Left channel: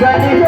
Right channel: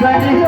Hare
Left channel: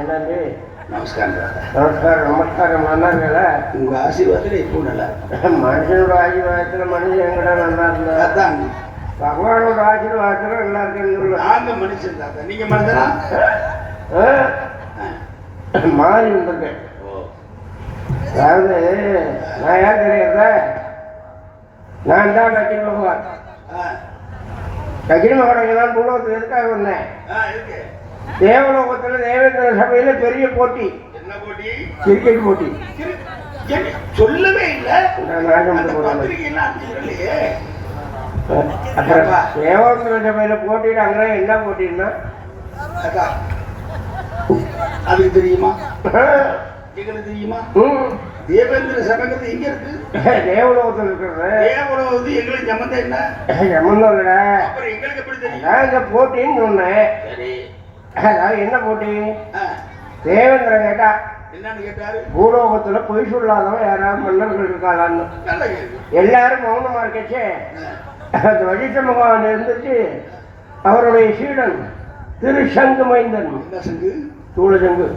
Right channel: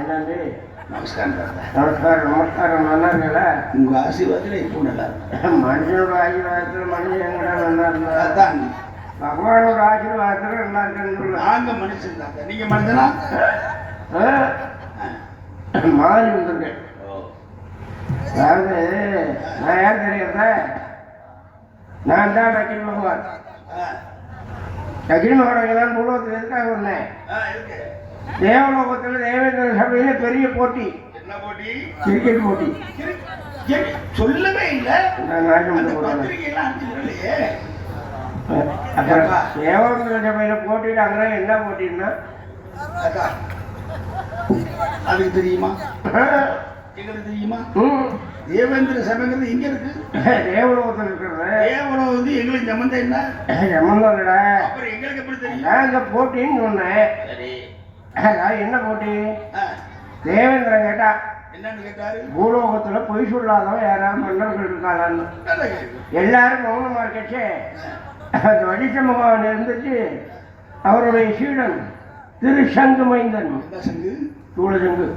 என்னது? நமஸ்காரம் நமஸ்காரம் நமஸ்காரம். நல்லா இருக்கல? உங்க ஆசீர்வாதத்துல இப்போ நல்லா மனுஷனோட ஆசீர்வாதத்துல மனுஷன் எங்கடா நல்லா இருந்தா? அதான் பகவானோட ஆசீர்வாதத்துல நல்லா இருக்குன்னு நாங்க மனுஷன் தாத்தா. நீங்க மனுஷனா? மாறி வந்திருக்கேன். அதாவது நான் யார் தெரியாத? நான் தான் டக்கில் பகவான். டக்கில் மகன் தான் பூலோகத்துக்கு எதுக்காக வந்தேன்? தேவலோகத்தில் தேவேந்திர சபையில பெரிய போட்டி. என்ன போட்டி? கிரிக்கெட் போட்டி. சொல்லவே இல்லை. தேவேந்திர சபையில போட்டிட்டு அங்கே என்ன போட்டின்னா அதுக்கு தெரியுமா? தெரியுமா? தேவேந்திர சபைங்கிறது எங்க இருக்கு? தேவலோகத்தில் இருக்கிறது. தேவலோகம் வந்து எங்களுக்கு சம்பந்தம் என்ன? சம்பந்தம் இல்ல. அப்புறம் எங்களுக்கு எப்படி தெரியும்? நான் இந்த போட்டின்னு சொன்னேன். என்ன போட்டி? தேவேந்திரன் கேட்டா என்னன்னு கேட்டாரு? பூலோகத்துல பொய் சொல்லாதவன் யாராவது மன்னர்கள் இருக்காளான்னு. எல்லாரும் மௌனமா இருக்கச்சே அந்த வழிச்ச பகவான் இருந்துச்சு. அவருடைய சீடன் திருசங்கு மைந்தன். சூழசங்கு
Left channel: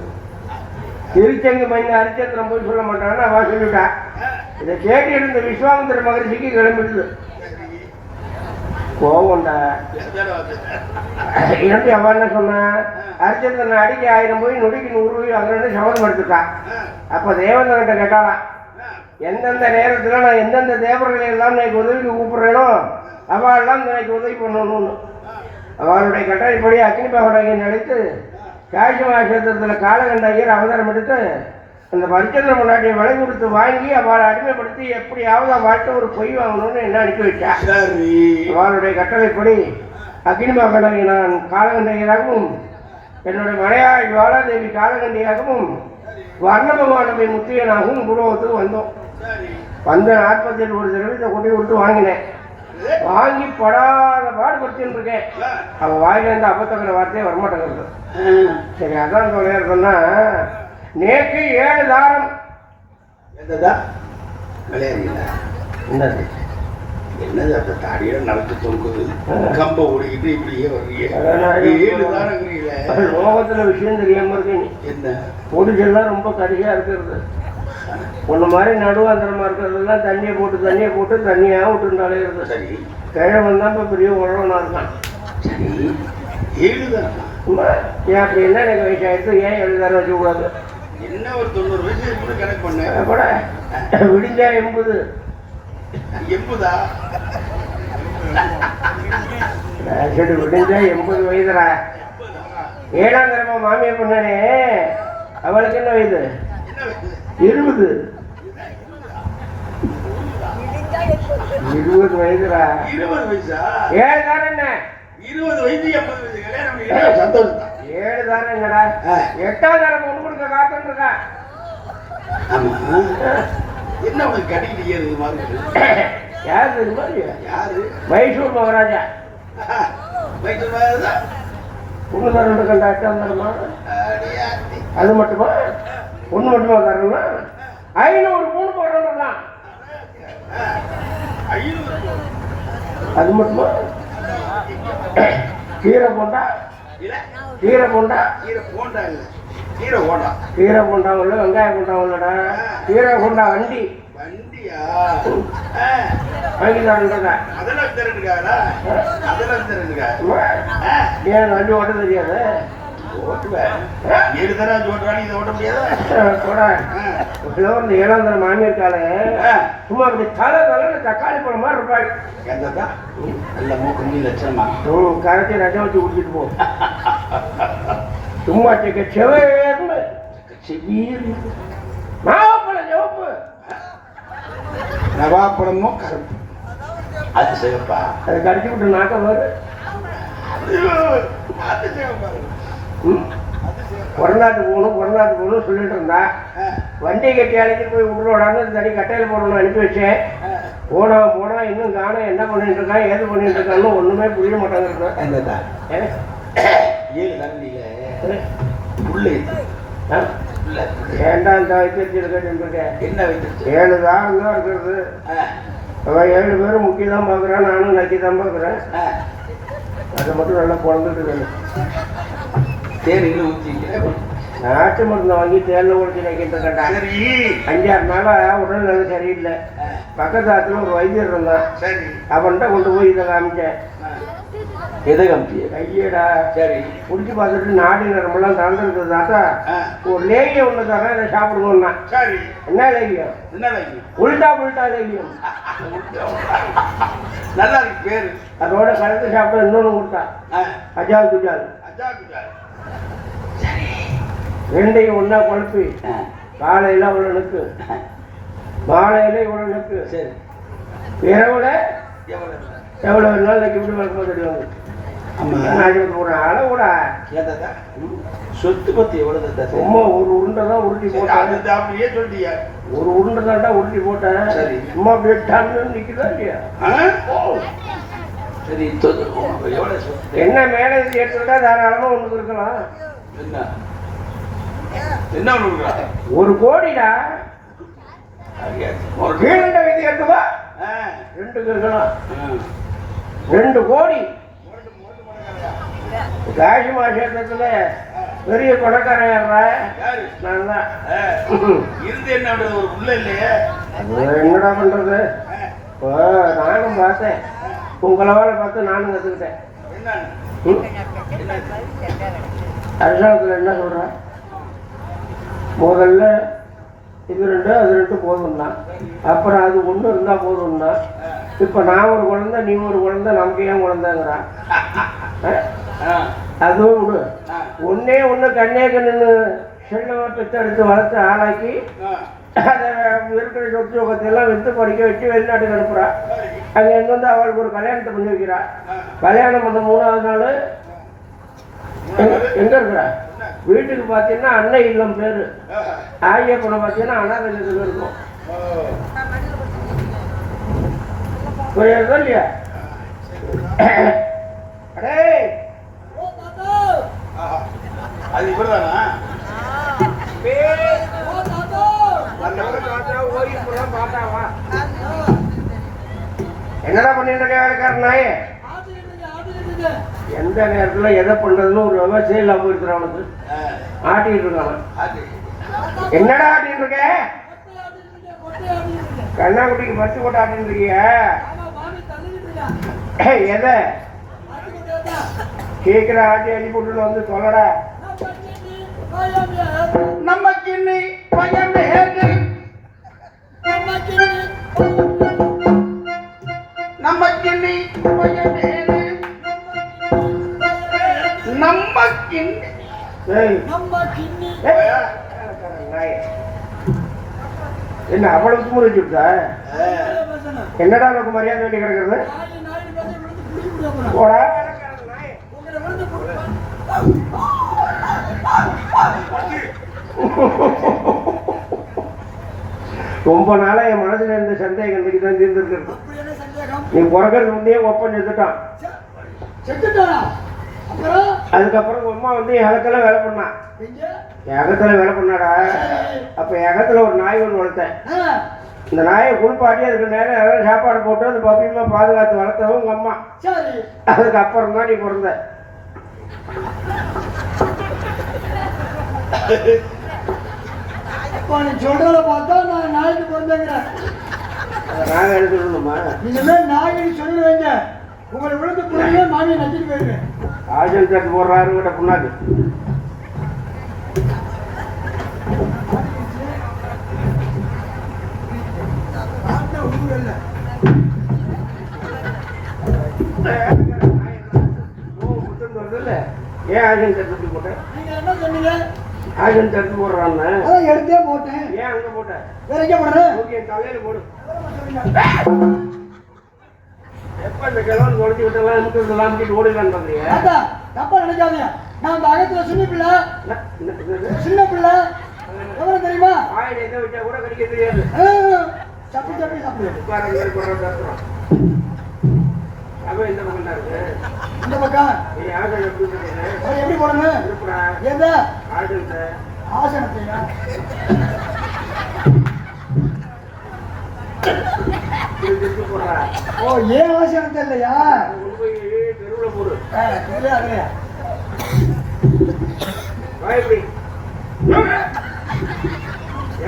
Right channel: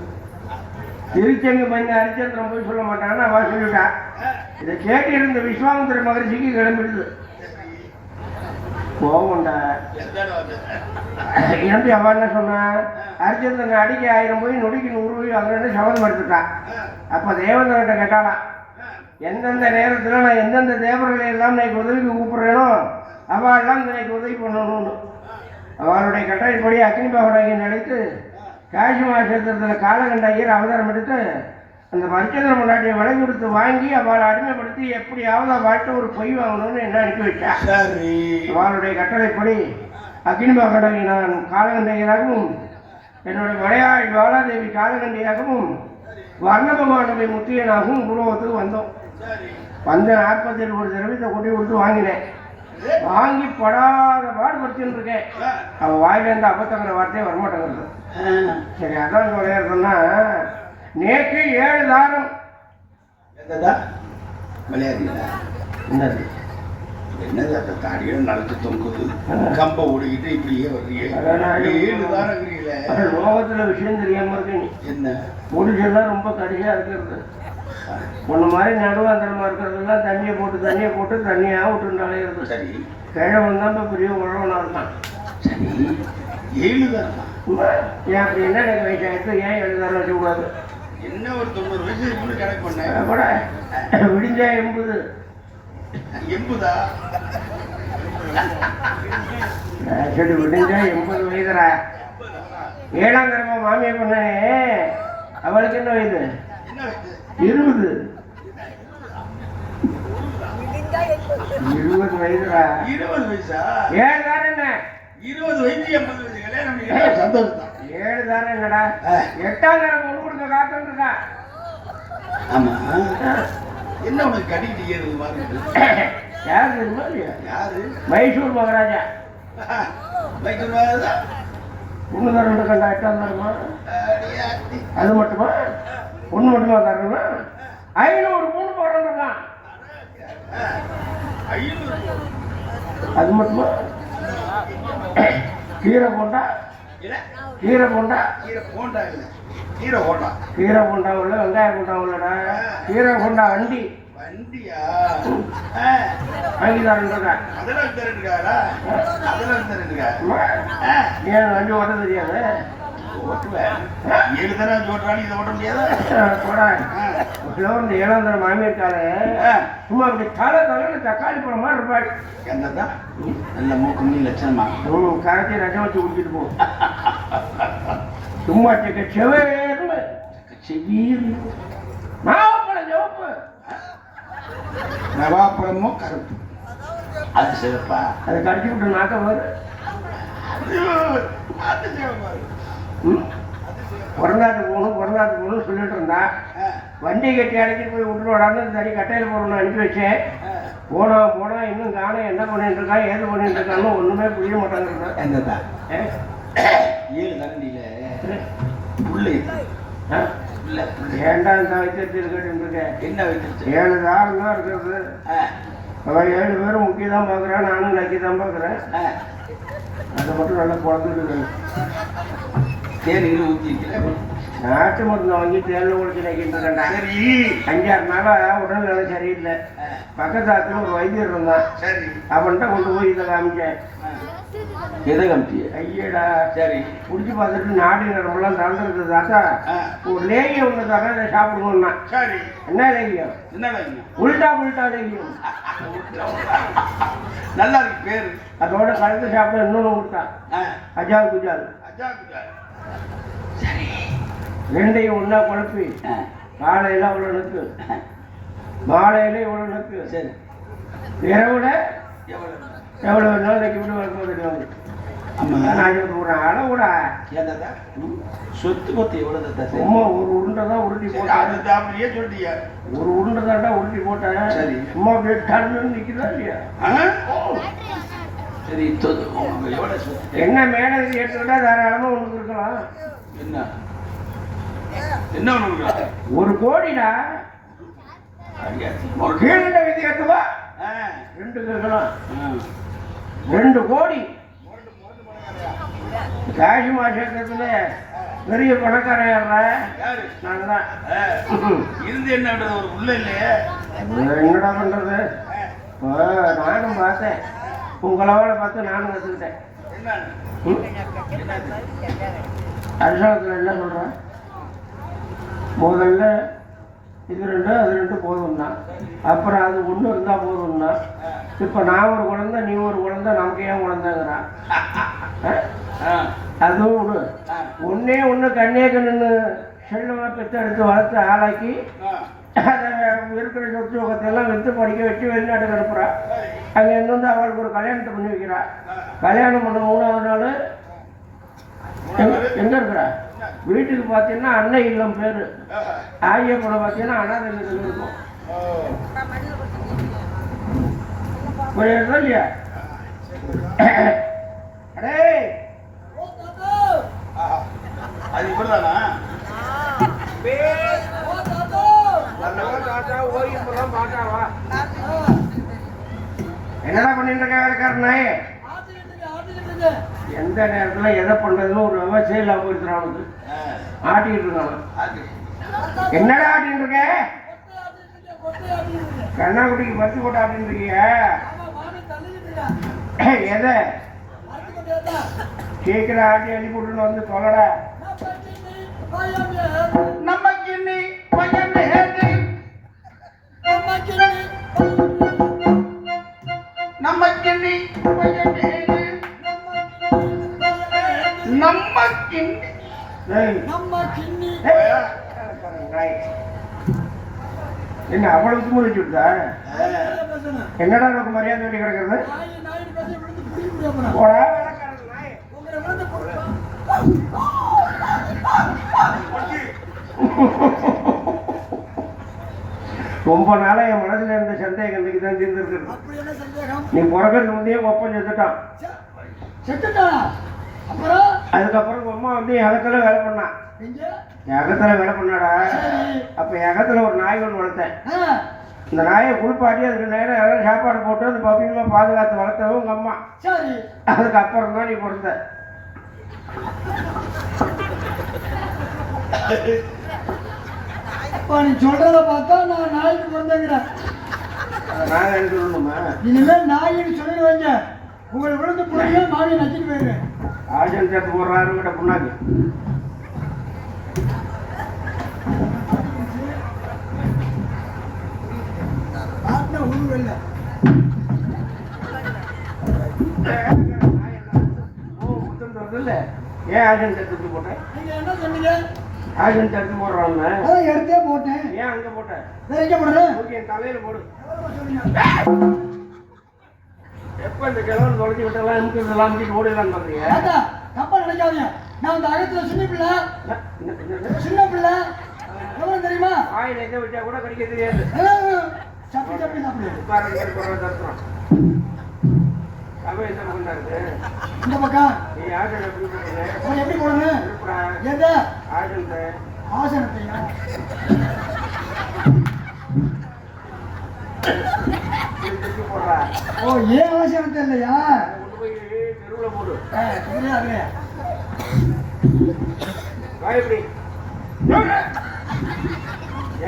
திருச்சங்கு மைந்தன் ஹரிச்சந்திரன் போய் சொல்ல மாட்டான்னு அவ சொல்லிட்டா. இதை கேட்டு இருந்த விஸ்வாமித்திர மகரிஷிக்கு கிளம்பிடுது. கோவம்டா. எப்படி அவன் என்ன சொன்ன? ஹரிச்சந்திரன் அடிக்க 1000 போய் நொடிக்கு 100 போய் அவன் சபதம் எடுத்துட்டான். அப்ப தேவேந்திரன்கிட்ட கேட்டாலாம், எந்தெந்த நேரத்துல நான் எந்தெந்த தேவர்களை எல்லாம் எனக்கு உதவிக்கு கூப்பிடுறேனோ அவெல்லாம் எனக்கு உதவி பண்ணணும்னு. அவளுடைய கட்டளைப்படி அக்னி பகவானை அழைத்து காசி மாசத்தில் காலகண்ட ஐயர் அவதாரம் எடுத்து அந்த ஹரிச்சந்திர முன்னாடியை விலை கொடுத்து வாங்கி அவளை அடிமைப்படுத்தி எப்படியாவது அவள்கிட்ட ஒரு பொய் வாங்கணும்னு என்ன அனுப்பி வச்சா. அவளுடைய கட்டளைப்படி அக்னி பகவானை நான் காலகண்டையராகவும் என்னுடைய மனையாள் ஜுவாலாதேவி காலகண்டியாகவும் வர்ண பகவானுடைய முத்தியனாகவும் பூலோகத்துக்கு வந்தோம். வந்து 47 திரவியத்தை கொண்டு விட்டு வாங்கினேன். வாங்கி படாத பாடுபடுத்தின்னு இருக்கேன். அவன் வாயிலிருந்து அப்பத்தக்கிற வார்த்தையே வரமாட்டேங்கிறது. சரி, அதான் சொன்னா நேற்று 7 தாரம். என்னது? என்னது அந்த தாடியில நடத்து தொங்குது, கம்ப ஓடிக்கிட்டு இப்படியே வர்றீங்க. 7 தாரங்கிறீங்களே. லோகத்துல விஷயம் தெரியாம இருக்கு. நீ என்ன பொடிச்செல்லாம் ரொம்ப கரியா இருக்கிறது. ஒன்று மாதிரி நடுவாந்திரமா இருக்கிறதுலாம் தண்ணியை போட்டு தண்ணியாக விட்டுருந்தாலே இருக்கு. சரி, கிழமை வந்தால் இப்போ பெரிய உழவனா இருக்கான். சரி, 7 தாரம். ஏன் அப்படி என்ன எனக்கு வயசாயிடுச்சு? ஏன் 7 தாரம் வச்சுக்கூடாது? என்ன ஒரு 90 வயசு கூட கணக்கு பண்ண கூட விடிஞ்சா 80. 80 சரி, விடிஞ்சா 80 வயதுரா. 7ஆம் தரமா மாமியை பண்ணனே, அவளுக்கு என்ன வயது? 20. 20 வயதுரா. 20 வயசா? 7 தாரம் என்ன? 20 வயசு 80 வயசு கல்யாணம் சந்தோஷம் தான். 7 தாரம் என்னடா? 8ஆம் தாரம் பொண்ணு கொடுக்க காத்துன்னு இருக்கா. ஆமா, என்ன உனக்கு கடிக்கிட்டு ஏறுது மாதிரி? யாரு தெரியுமா? யாரு? மைசூர் மகாராஜா. மைசூர் மகாராஜா பொண்ணு தரணும் கண்டா 8ஆம் தாரமா? அது மட்டுமா? பொண்ணு மட்டுமா தரணும்னா 500 பொண்ணு போடுறா. 500? அது மட்டுமா? கீரை போண்டா இல்ல, கீரை போண்டா இல்லை, கீரை போண்டா உள்ள வெங்காய போண்டா உள்ளடா. கீரை போண்டா வண்டி. வண்டியா? வாங்கி தரேன்டா. அதெல்லாம் தரேன்னுக்காரா? ஏன் வண்டி ஓட்ட தெரியாது? ஓட்டுவேன். 7 தரம் ஓட்டுறானு இதை ஓட்ட முடியாதா? இந்த 7ஆம் தரம் மாமியிருக்காளே, சும்மா அப்படி தலைன்னு தக்காளி பழம் மாதிரி இருப்பாள். எந்ததான் நல்ல மூக்கு லட்சணமா கரைச்சி ரஜம் வச்சு குடிச்சிட்டு போ. சும்மா செவேர்னு செவீர் நாவப்பழம் சிவப்பு. நவாப்பழமோ கருப்பு, அது சிவப்பா? அதை கடிச்சு விட்டு நாட்டம் வரும். கொரநாட்டுக்கு போகணும் சொல்லிட்டு இருந்தா. வண்டி கட்டி அழைச்சிட்டு போய் விட்டுருவாடான்னு தனி கட்டையில் போடணும்னு அனுப்பி வச்சேன். போனா இன்னும் காணும். என்ன பண்ணிட்டு இருக்கான், ஏது பண்ணிட்டு இருக்கான்னு ஒண்ணுமே புரிய மாட்டாங்க. 7 தாண்டியில ஏண்டா இந்த வைத்திருக்கேன். என்ன வைத்திருச்சு? 7 தாரம் தான் இருக்கிறது. அவன் 7 பேரும் முக்கிய தான் பார்க்குறான், நானும் நக்கி தான் பார்க்குறேன். அதை மட்டும் நல்லா குழந்துட்டு தேனியில் ஊற்றிக்கிறேன். நாட்டு மருந்து வாங்கி தேனில் குடிச்சு நினைக்கிட்டு சரி 5-6 நாளா உடல்நிலை சரியில்லை. பக்கத்து ஆத்துல ஒரு வைத்தியர் இருந்தான். சரி அவன்கிட்ட கொண்டு போய் இதை காமிச்சேன். எதை காமிச்சிய? ஐயடா சரி குடிச்சு பார்த்துட்டு நாடி நரம்பெல்லாம் திறந்துருக்குதாக்கா ஒரு லேகியம் ஒன்று தரேன் இதை சாப்பிடணும்னா. சரி என்ன லேகியம்? என்ன உல்டா புல்டா லேகியம். நல்லா இருக்கு பேரு. அதோட கலந்து சாப்பிட இன்னொன்று கொடுத்தா அஜால் குஜால். ரெண்டையும் ஒன்றா குழப்பி காலையில் இவ்வளோனுக்கு மாலையில் இவ்வளோனுக்கு சரி இரவுல எவ்வளோ நாளைக்கு இப்படி வளர்ப்போம் தெரியும். போகிறேன் அளவு கூட சொத்து பத்தி எவ்வளவு சும்மா ஒரு உருண்டை தான் உருட்டி போட்டேன். அப்படியே சொல்லிட்டியா? ஒரு உருண்டை தாண்டா உருட்டி போட்டேன். சரி சும்மா வெட்டான்னு நிற்குதா இல்லையா? சரி எவ்வளவு சொத்து? என்ன மேலே ஏற்றுக்கிட்டா தாராளமாக ஒன்று இருக்கலாம். என்ன என்ன ஒண்ணு? 1 கோடிடா. ஒரு கீழே வைத்து ஏற்றுவா 2 இருக்கலாம். 2 கோடி காசி மாசத்துல பெரிய பணக்காரன் யாரா? நான் தான். இருந்து என்ன ஒரு புள்ள இல்லையே? என்னடா பண்றது? இப்போ நானும் பார்த்தேன், உங்களோட பார்த்து நானும் கற்றுக்கிட்டேன். அரசாங்கத்தில் என்ன சொல்கிறேன்? முதல்ல இது 2 அது 2 போதும்னா, அப்புறம் அது 1 இருந்தால் போதும்னா, இப்போ நான் ஒரு குழந்தை நீ ஒரு குழந்தை நமக்கு ஏன் குழந்தைங்கிறான்? அதுவும் விடு. ஒன்னே ஒன்று கண்ணே கண்ணு செல்லமாக பெற்றெடுத்து வளர்த்து ஆளாக்கி அதை இருக்கிற சொத்து யோகத்தையெல்லாம் விற்று படிக்க வச்சு வெளிநாட்டுக்கு அனுப்புகிறா. அங்கே இருந்து அவளுக்கு ஒரு கல்யாணத்தை பண்ணி வைக்கிறா. கல்யாணம் பண்ண 3ஆவது நாள் எங்கே இருக்கிறா? வீட்டுக்கு பார்த்தீங்கன்னா அன்னை இல்லம் பேர். ஆகியப்புறம் பார்த்தீங்கன்னா அனாதை இல்லத்தில் இருக்கும். புரியுதா இல்லையா? அது இப்பதானா? என்னடா பண்ணிட்டு நாயே? எந்த நேரத்துல எதை பண்றதுன்னு ஒரு விவசாயம் இல்லாம இருக்கிறவனுக்கு ஆட்டிட்டு இருக்கானா? என்னடா ஆட்டிட்டு இருக்க? கண்ணாக்குட்டிக்கு பத்து போட்டு ஆட்டிட்டு இருக்கிய? எதை கேட்கிற ஆட்டி அனுப்பி விட்டு வந்து சொல்லடா. நமக்கு இன்னி பயம் ஏது, நமக்கு இன்னி பயம் ஏது, நமக்கு என்ன அவ்வளவு தும்முறை வச்சுட்டா? என்னடா உனக்கு மரியாதை வேண்டி கிடக்கிறது? ரொம்ப நாளா என் மனசுல இருந்த சந்தேகம் இன்னைக்கு தான் தீர்ந்துருக்கு. நீ பிறக்கிறது முன்னே ஒப்பம் செத்துட்டான். அதுக்கப்புறம் அம்மா வந்து என் அகத்துல வேலை பண்ணா. என் அகத்துல வேலை பண்ணாடா. அப்ப என் அகத்துல ஒரு நாய் ஒன்று வளர்த்தேன். இந்த நாயை குளிப்பாட்டி அதுக்கு நேரம் யாராவது சாப்பாடு போட்டு அந்த பப்பியமா பாதுகாத்து வளர்த்தவும் உங்க அம்மா. அதுக்கப்புறம் தான் நீ பிறந்த. நீ சொல்றத பார்த்தா நான் நாய்க்கு பிறந்தேங்கிறேன். நாய் எழுதுணுமா? இனிமே நாயின்னு சொல்லுவீங்க. உங்களை விழுந்து பிடிக்கல நாயை நச்சிட்டு போயிருங்க. ஆஜன் தட்டு போடுறாரு கிட்ட புண்ணாக்கு. ஏன் ஆஜன் தட்டு போட்டேன்? நீங்க என்ன சொன்னீங்க? ஆஜன் தட்டு போடுறான்னு அதான் எடுத்தே போட்டேன். ஏன் அங்க போட்டேன்? வேற எங்க போடுறேன்? ஓகே தலையில போடு. எப்ப இந்த கிழவன் தொலைச்சி விட்டெல்லாம் இழுத்து விட்டுலாம் அமுக்கிட்டு ஓடிடலான்னு பாக்குறீங்க? தப்பா நினைக்காதீங்க. நான் அந்த அகத்துல சின்ன பிள்ளை எவ்வளவு தெரியுமா? வாயில் எங்க வச்சா கூட கடிக்க தெரியாது. சப்பி சப்பி சாப்பிடு. இந்த பக்கம் எப்படி போடணும்? எந்த ஆசனத்தையா? ஓ ஏன் ஆசனத்தை இல்லையா? தெருவில் போடு. இதுலயா அதுலயா வாய் எப்படி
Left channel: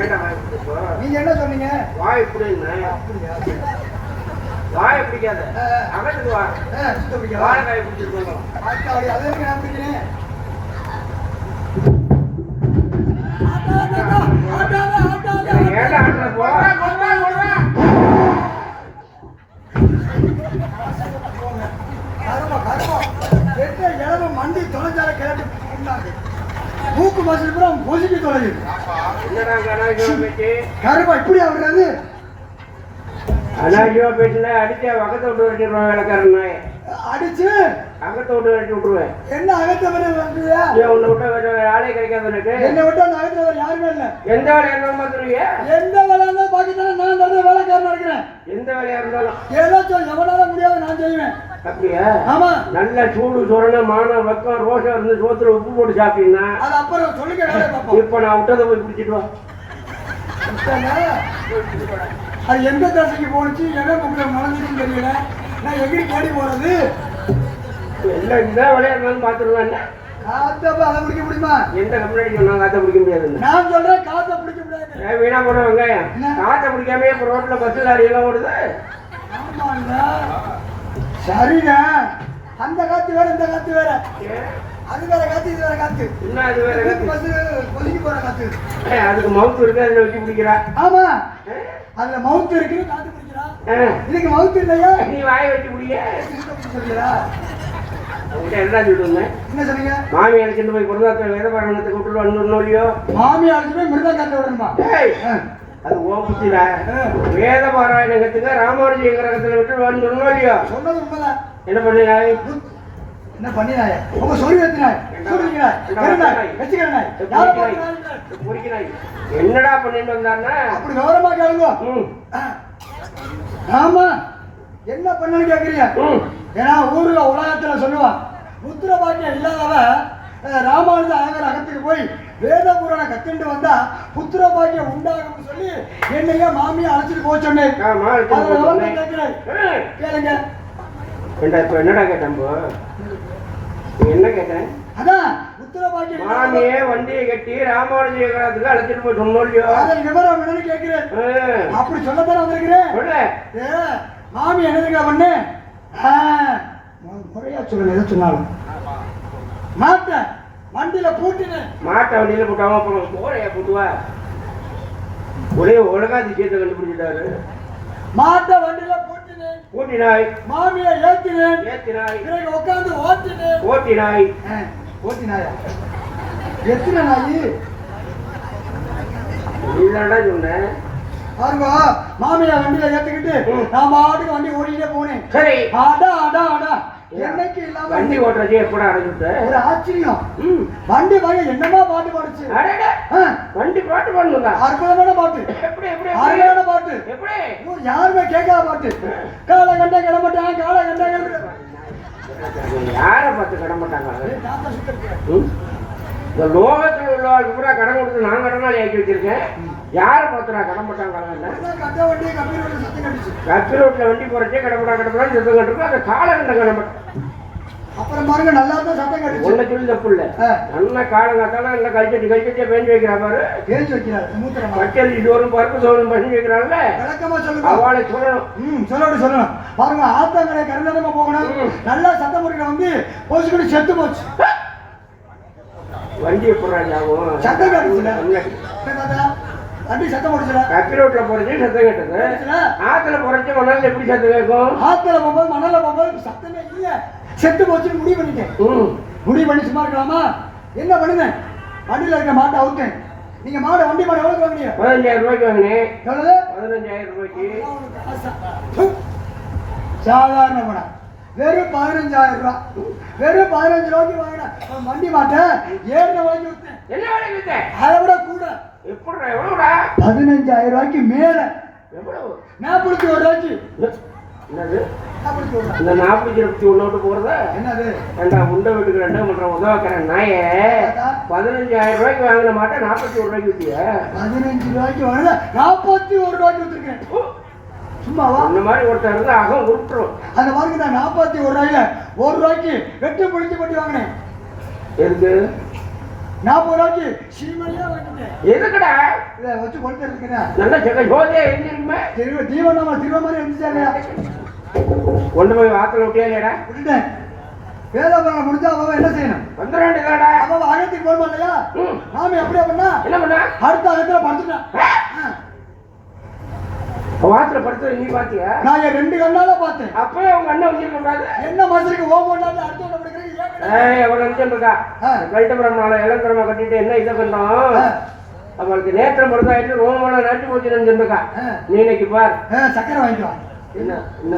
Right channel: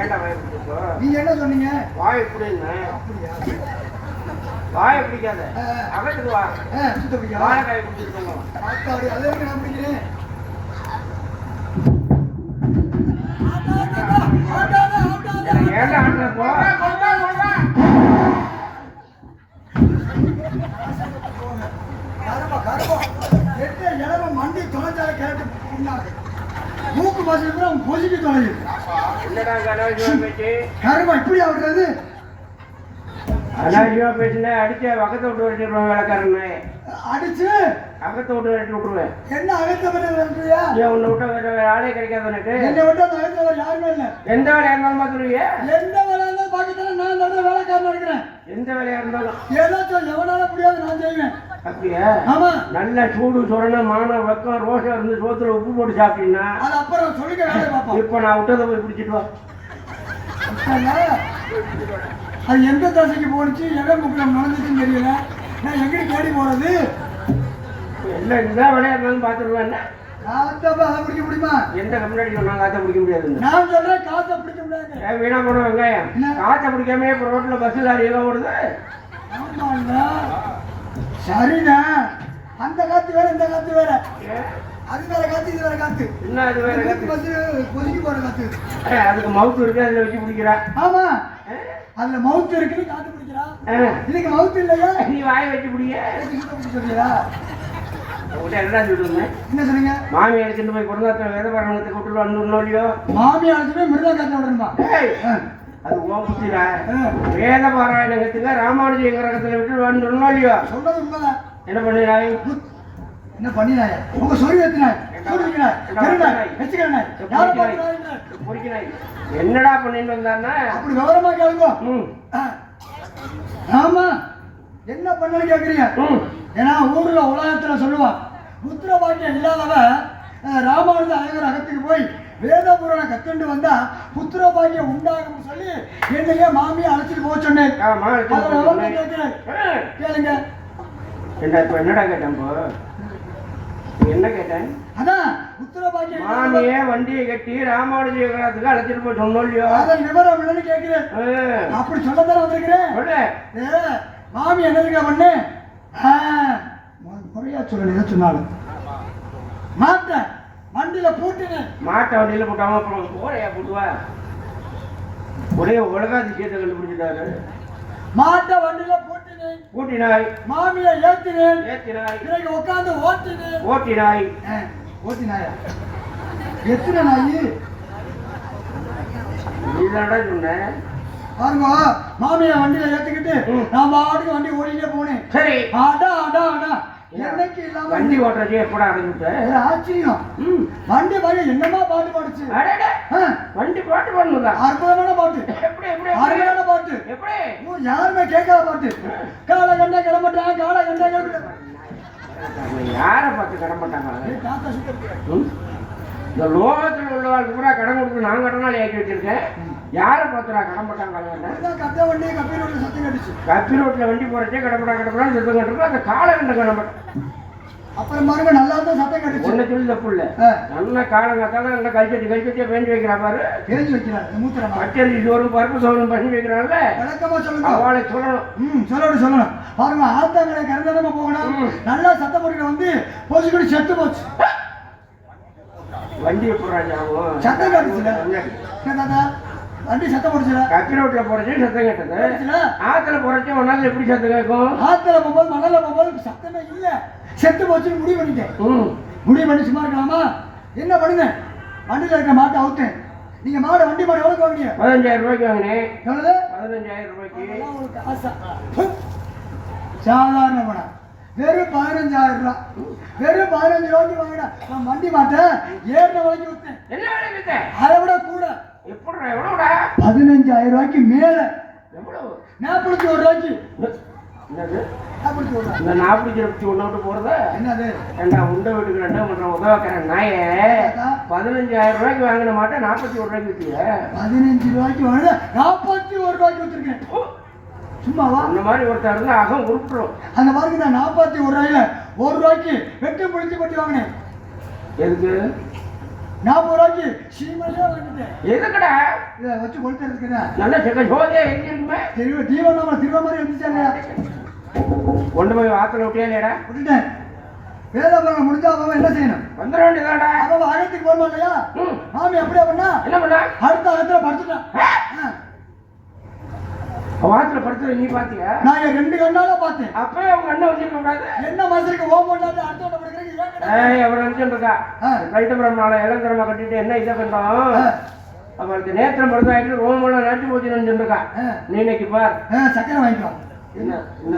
ஏன்டா வாய் பிடிச்சப்போ நீங்க என்ன சொன்னீங்க? வாய் இப்படி அப்படியா? வாயை பிடிக்காத அகத்துக்கு வா சுத்த பிடிக்கா? வாழைக்காய் பிடிச்சிருக்கோங்க ஆத்தாடி, அதை எதுக்கு நான் பிடிக்கிறேன்? ஏன்டா ஆட்டுல போ கருப்பா கருப்பா எட்ட இளவ மண்டி தொலைஞ்சால கிளட்டு புண்ணாக்கு மூக்கு மாசம் கூட அவன் பொசுக்கி தொலையுது. என்னடா அனாவசியமா பேச்சு கருப்பா இப்படி ஆகுறது? அனாவசியமா பேசுனா அடிச்ச வகத்தை விட்டு வெட்டிடுவேன் வேலைக்காரன் அடிச்சு அகத்தை விட்டு வெட்டி விட்டுருவேன் என்ன அகத்த வரை வந்துறியா? உன்னை விட்டா வேற ஆளே கிடைக்காது எனக்கு என்னை விட்டா அந்த அகத்த வரை யாருமே இல்லை. எந்த வேலையா இருந்தாலும் பார்த்துருவிய எந்த வேலை இருந்தாலும் பார்க்கத்தானே நான் நல்ல வேலைக்காரன் இருக்கிறேன். எந்த வேலையா இருந்தாலும் ஏதாச்சும் எவனால முடியாது நான் செய்வேன். அப்படியா ஆமா, நல்ல சூடு சொரண மானம் வக்கம் ரோஷம் இருந்து சோத்துல உப்பு போட்டு சாப்பிட்டீங்கன்னா அது அப்புறம் சொல்லிக்க வேலையை பார்ப்போம். இப்ப நான் விட்டதை போய் பிடிச்சிட்டு வா அது எந்த தசைக்கு போனுச்சு எவன் முக்கில் நுழைஞ்சிச்சுன்னு தெரியல. நான் எங்கடி தேடி போறது? எல்லாம் இந்த வேலையா இருந்தாலும் பார்த்துருவேன் என்ன காத்தப்ப அதை பிடிக்க முடியுமா? எந்த கம்யூனிட்டி சொன்னா காத்த பிடிக்க முடியாதுன்னு நான் சொல்றேன் காத்த பிடிக்க முடியாது. வீணா போன வெங்காயம் காத்த பிடிக்காமே இப்ப ரோட்ல பஸ் லாரி எல்லாம் ஓடுது ஆமாண்ணா, சரிண்ணா. அந்த காத்து வேற இந்த காத்து வேற. அது வேற காத்து இது வேற காத்து. என்ன அது வேற காத்து? பஸ் கொதிக்க போற காத்து. அதுக்கு மவுத்து இருக்கு அதுல வச்சு பிடிக்கிறா ஆமா, அதுல மவுத்து இருக்குன்னு காத்து பிடிக்கிறா. இதுக்கு மவுத்து இல்லையா? நீ வாயை வச்சு பிடிக்க சொல்லியா? உங்கள்கிட்ட என்ன சொல்லுங்க என்ன சொன்னீங்க? மாமி அழைச்சிட்டு போய் பொருளாதார வேத பாடத்தை கூட்டு வந்து இல்லையோ மாமி அழைச்சு போய் மிருதா காத்த விடணுமா? அது ஓபுத்திடா வேத பாராயணத்துக்கு ராமானுஜ கிரகத்துல விட்டு வந்து இல்லையோ சொன்னது உண்மைதான். என்ன பண்ணிடாய் என்ன பண்ணினாய்? உங்க சொல்லி வைத்தினாய் சொல்லிக்கிறாய் கருணாய் வெச்சுக்கிறாய் குறிக்கிறாய் என்னடா பண்ணிட்டு வந்தாருன்னா அப்படி கௌரவமா கேளுங்க. ஆமா, என்ன பண்ணனு கேக்குறீங்க? ஏன்னா ஊர்ல உலகத்துல சொல்லுவான், புத்திர பாக்கியம் இல்லாதவ ராமானுஜ ஆகர் அகத்துக்கு போய் வேத புராண கத்துண்டு வந்தா புத்திர பாக்கியம் உண்டாகும் சொல்லி என்னையே மாமியை அழைச்சிட்டு போக சொன்னேன். கேளுங்க. என்னடா கேட்டேன் என்ன கேட்டேன்? அதான் புத்திர பாக்கியம் மாமியே வண்டியை கட்டி ராமானுஜ கிரகத்துக்கு அழைச்சிட்டு போய் சொன்னோம் இல்லையோ அதை விவரம் என்னன்னு கேட்கிறேன். அப்படி சொல்லத்தானே வந்திருக்கிறேன். மாமி என்னதுக்கா பண்ணு? முறையா சொல்லணும், எதை சொன்னாலும் மாட்டேன். வண்டியில பூட்டினேன். மாட்டை வண்டியில போட்டாம அப்புறம் போறையா போட்டுவா ஒரே ஒழுங்கா விஷயத்தை கண்டுபிடிச்சிட்டாரு. மாட்டை வண்டியில பூட்டினேன். பூட்டினாய். மாமியை ஏத்தினேன். ஏத்தினாய். உட்காந்து ஓட்டினேன். ஓட்டினாய். ஓட்டினாயா? எத்தனை நாயி? இதுதான்டா சொன்னேன். பாருங்க, மாமியை வண்டியில ஏத்திக்கிட்டு நான் பாட்டுக்கு வண்டி ஓடிட்டே போனேன். சரி. ஆடா ஆடா ஆடா என்னைக்கு இல்லாம வண்டி ஓட்டுறதே எப்படா அடைஞ்சுட்ட? ஒரு ஆச்சரியம். வண்டி பாரு என்னமா பாட்டு பாடுச்சு. வண்டி பாட்டு பாடுங்களா? அற்புதமான பாட்டு. எப்படி எப்படி அருமையான பாட்டு. எப்படி யாருமே கேட்காத பாட்டு. காலை கண்ட கிளம்பட்டான், காலை கண்ட யாரை பார்த்து கட மாட்டாங்க? தாத்தா சுத்த இந்த லோகத்தில் உள்ளவர்களுக்கு பூரா கடன் கொடுத்து நான் கடனாளி ஆக்கி வச்சிருக்கேன். யாரை பார்த்துடா கடன் மாட்டாங்க? கட்ட வண்டி கப்பி ரோட்ல சத்தம் கட்டுச்சு. கப்பி ரோட்ல வண்டி போறச்சே கடப்படா கடப்படா சத்தம் கட்டுறா. அந்த காலை கண்ட கடமை அப்புறம் பாருங்க நல்லா தான் சத்தம் கட்டுச்சு. ஒன்ன சொல்லி தப்பு இல்ல. நல்லா காலங்காத்தால நல்லா கழிச்சட்டி பேஞ்சு வைக்கிறா பாரு. பேஞ்சு வைக்கிறார். மூத்திரம் பச்சரி சோறும் பருப்பு சோறும் பண்ணி வைக்கிறாங்கல்ல. விளக்கமா சொல்லுங்க. அவளை சொல்லணும். சொல்லணும். பாருங்க ஆத்தாங்கரை கருந்தரமா போகணும். நல்லா சத்தம் போட்டு வந்து போச்சுக்கிட்டு செத்து போச்சு. வண்டியை போடுறாங்க சத்தம் கட்டுச்சுல. வண்டி சத்தம் போடுச்சுல. கப்பி ரோட்ல போறச்சே சத்தம் கேட்டது. ஆத்துல போறச்சே மணால எப்படி சத்தம் கேட்கும்? ஆத்துல போகும்போது மணால போகும்போது சத்தமே இல்ல. செத்து போச்சுன்னு முடிவு பண்ணிட்டேன். முடிவு பண்ணி சும்மா இருக்கலாமா? என்ன பண்ணுங்க, வண்டியில இருக்க மாட்டை அவுத்தேன். நீங்க மாடை வண்டி மாடை எவ்வளவு வாங்கினீங்க? 15,000 ரூபாய்க்கு வாங்கினேன். எவ்வளவு? 15,000 ரூபாய்க்கு. சாதாரண படம். வெறும் 15,000 ரூபாய். வெறும் 15 ரூபாய்க்கு வாங்கினா வண்டி மாட்டை 7 ரூபாய்க்கு வித்தேன். என்ன வேலைக்கு வித்த? அதை விட கூட. எப்படிடா எவ்வளவுடா? 15,000 ரூபாய்க்கு மேல. எவ்வளவு? 41 ரூபாய்க்கு. என்னது? 41 ரூபாய். இந்த 41 போறதா? என்னது? ஏண்டா முண்டை வீட்டுக்கு 2 பண்ற உதவாக்கிறேன் நாயே. 15,000 ரூபாய்க்கு வாங்கின மாட்டேன் 41 ரூபாய்க்கு வித்திய. 15 ரூபாய்க்கு வாங்கின 41 ரூபாய்க்கு வித்துருக்கேன். சும்மாவா இந்த மாதிரி ஒருத்தர் இருந்தா அகம் விட்டுரும். அந்த மாதிரி நான் 41 ரூபாயில 1 ரூபாய்க்கு வெட்டி புளிச்சு பட்டி வாங்கினேன். எதுக்கு 40 ரூபாய்க்கு சீமையா வாங்கிட்டேன். எதுக்குடா இதை வச்சு கொடுத்து இருக்கிறேன். நல்ல செக்க ஜோதியா எழுந்திருக்குமே. தீவனம் திருவ மாதிரி இருந்துச்சாங்கய்யா. கொண்டு போய் வாத்துல விட்டியா? விட்டுட்டேன். வேதாபுரம் முடிஞ்சா அவன் என்ன செய்யணும்? வந்துட வேண்டியதாடா. அவன் அகத்துக்கு போக மாட்டேயா? மாமி அப்படியே பண்ணா என்ன பண்ணா? அடுத்த அகத்துல படுத்துட்டான். வாத்துல படுத்தது நீ பாத்தியா? நான் 2 கண்ணால பார்த்தேன். அப்பவே அவங்க அண்ணன் வச்சிருக்க கூடாது. என்ன மனுஷனுக்கு ஓ பண்ணாலே அடுத்த அவன் இருக்கா கைட்டபுரம் நாளை இளந்திரமா கட்டிட்டு என்ன இதை கண்டோம் அவளுக்கு நேத்திரம் படுத்தாயிட்டு ரோமெல்லாம் நாட்டி போச்சு நினைச்சிருக்கா. நீ இன்னைக்கு பார் சக்கரை வாங்கிக்கலாம். என்ன என்ன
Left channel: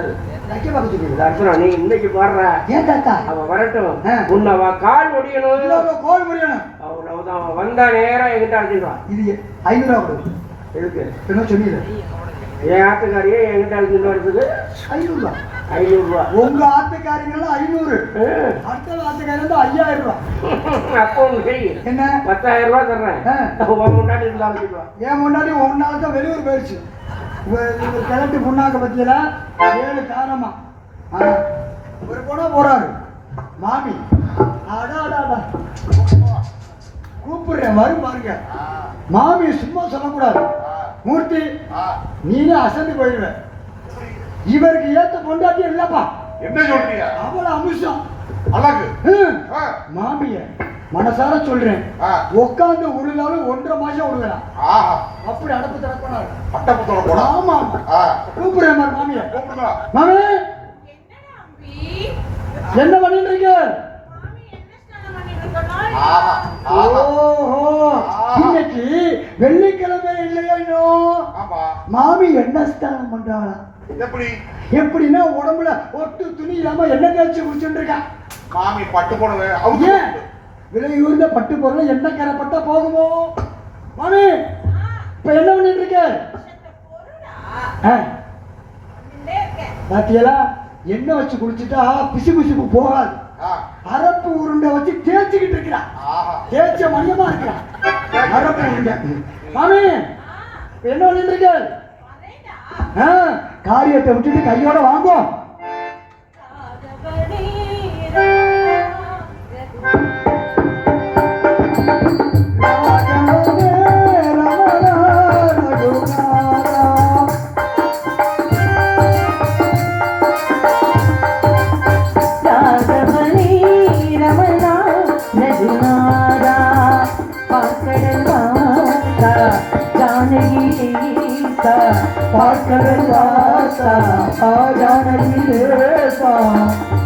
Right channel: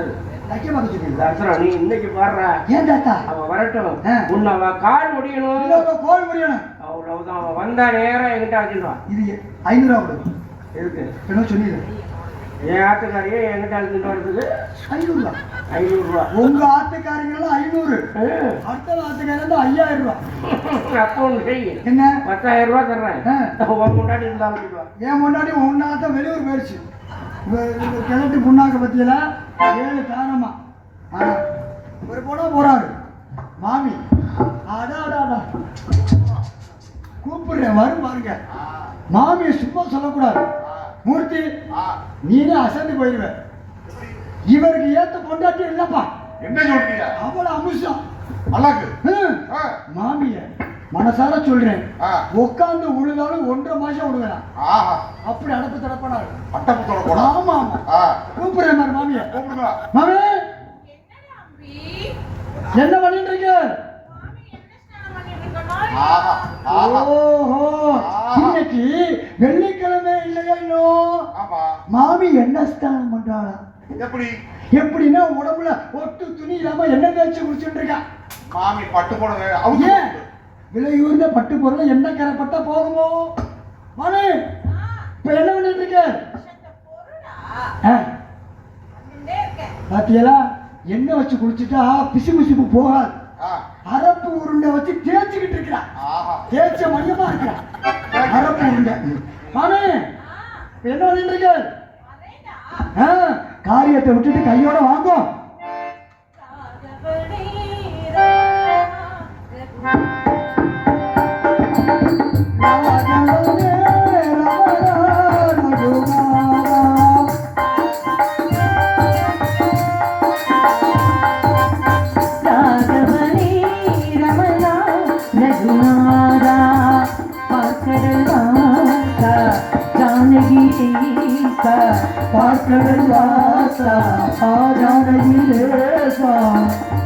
வைக்க பார்த்து நீ இன்னைக்கு பாடுற ஏன் தாத்தா அவன் வரட்டும். உன்னை கால் ஒடியணும். கோல் முடியணும். அவ்வளவுதான். அவன் வந்தா நேரம் என்கிட்ட அழைச்சிடுவான். இது 500 ரூபா கொடு. எதுக்கு என்ன சொன்னீங்க? என் ஆட்டுக்காரியே என்கிட்ட அழைச்சிட்டு வர்றதுக்கு 500 ரூபா. 500 ரூபா. உங்க ஆட்டுக்காரிங்களும் 500. அடுத்த ஆட்டுக்காரி வந்து 5000 ரூபா. அப்போ ஒன்று செய். என்ன 10,000 ரூபா தர்றேன். முன்னாடி இருந்தா ஏன் முன்னாடி ஒன்னாத்த வெளியூர் போயிடுச்சு. கிழட்டு புண்ணாக்க பத்தியில 7 காரணமா ஒரு போனா போறாரு மாமி. அடாடாடா கூப்பிடுறேன் வரும் பாருங்க. மாமியை சும்மா சொல்லக்கூடாது. மூர்த்தி நீனே அசந்து போயிடுவ. இவருக்கு ஏத்த கொண்டாட்டி இல்லப்பா. என்ன சொல்றீங்க? அவள அம்சம் அழகு மாமிய மனசார சொல்றேன். உட்காந்து உழுதாலும் 1.5 மாசம் உழுகலாம். அப்படி அடப்பு தடப்பாடு. ஆமா கூப்பிடுறேன் மாமிய. மாமி என்ன பண்ணிட்டு இருக்க? ஓஹோ இன்னைக்கு வெள்ளிக்கிழமை இல்லையா? மாமி என்ன ஸ்நானம் பண்றாளா? எப்படின்னா உடம்புல ஒட்டு துணி இல்லாம என்ன தேய்ச்சி குடிச்சுட்டு இருக்கா. மாமி பட்டு போடுவே. விலை உயர்ந்த பட்டு பொருள் என்ன கரப்பட்டா போகுமோ? மாமி இப்ப என்ன பண்ணிட்டு இருக்க? பாத்தியலா எண்ணெய் வச்சு குளிச்சுட்டா பிசு பிசுப்பு போகாது. அரப்பு உருண்டை வச்சு தேய்ச்சிக்கிட்டு இருக்கிறா. தேய்ச்ச மையமா இருக்கிறா அரப்பு உருண்டை. மாமி இப்ப என்ன பண்ணிட்டு இருக்க? காரியத்தை விட்டுட்டு கையோட வாங்கும்.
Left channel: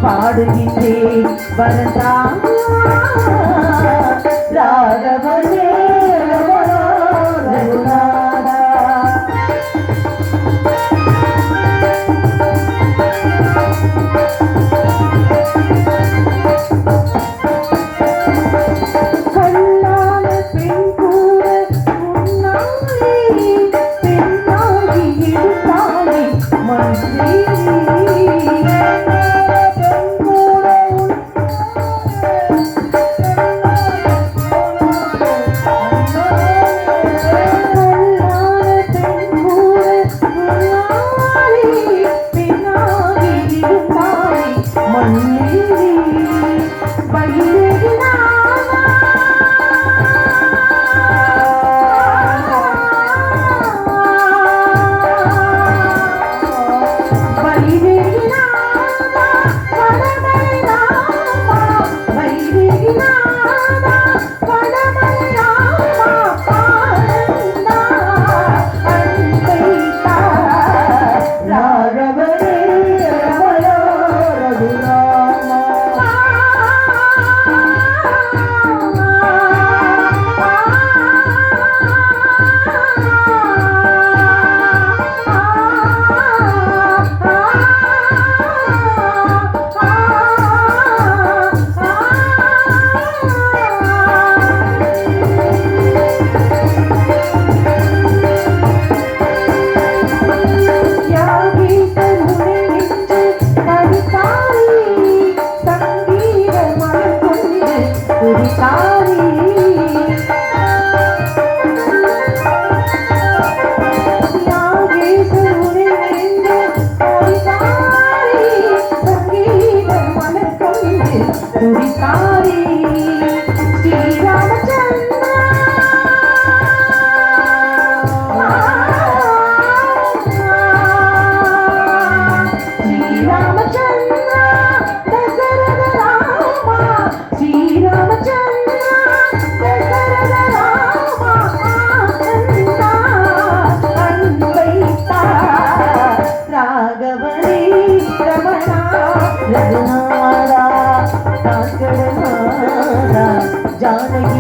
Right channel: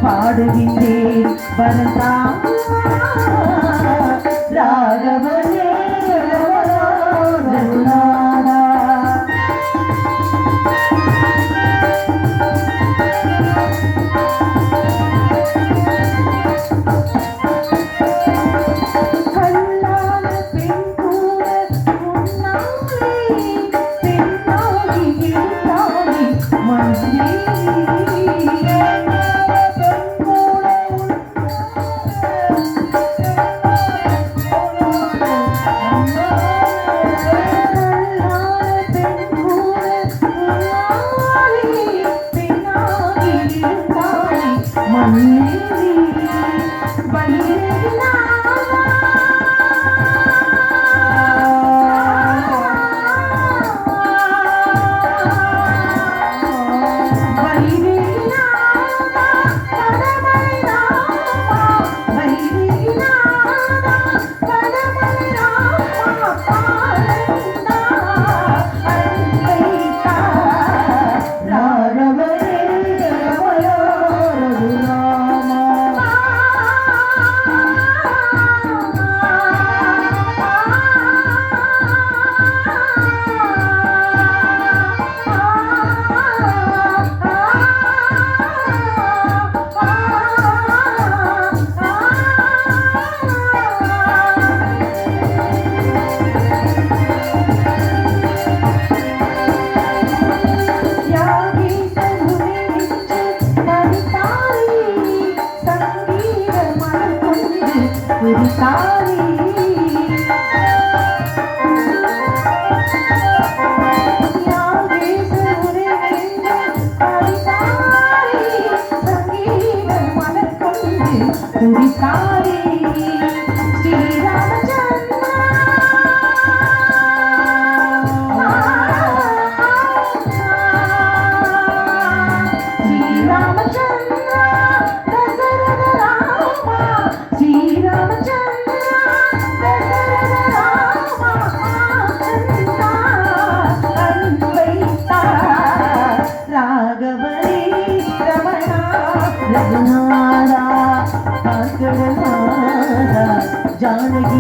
பாடுகின்றேன் வரதா ராகவனே ரகுநாதா. கல்லான பெண் கூட முன்னாலே பெண்ணாகி இருப்பானே மனே.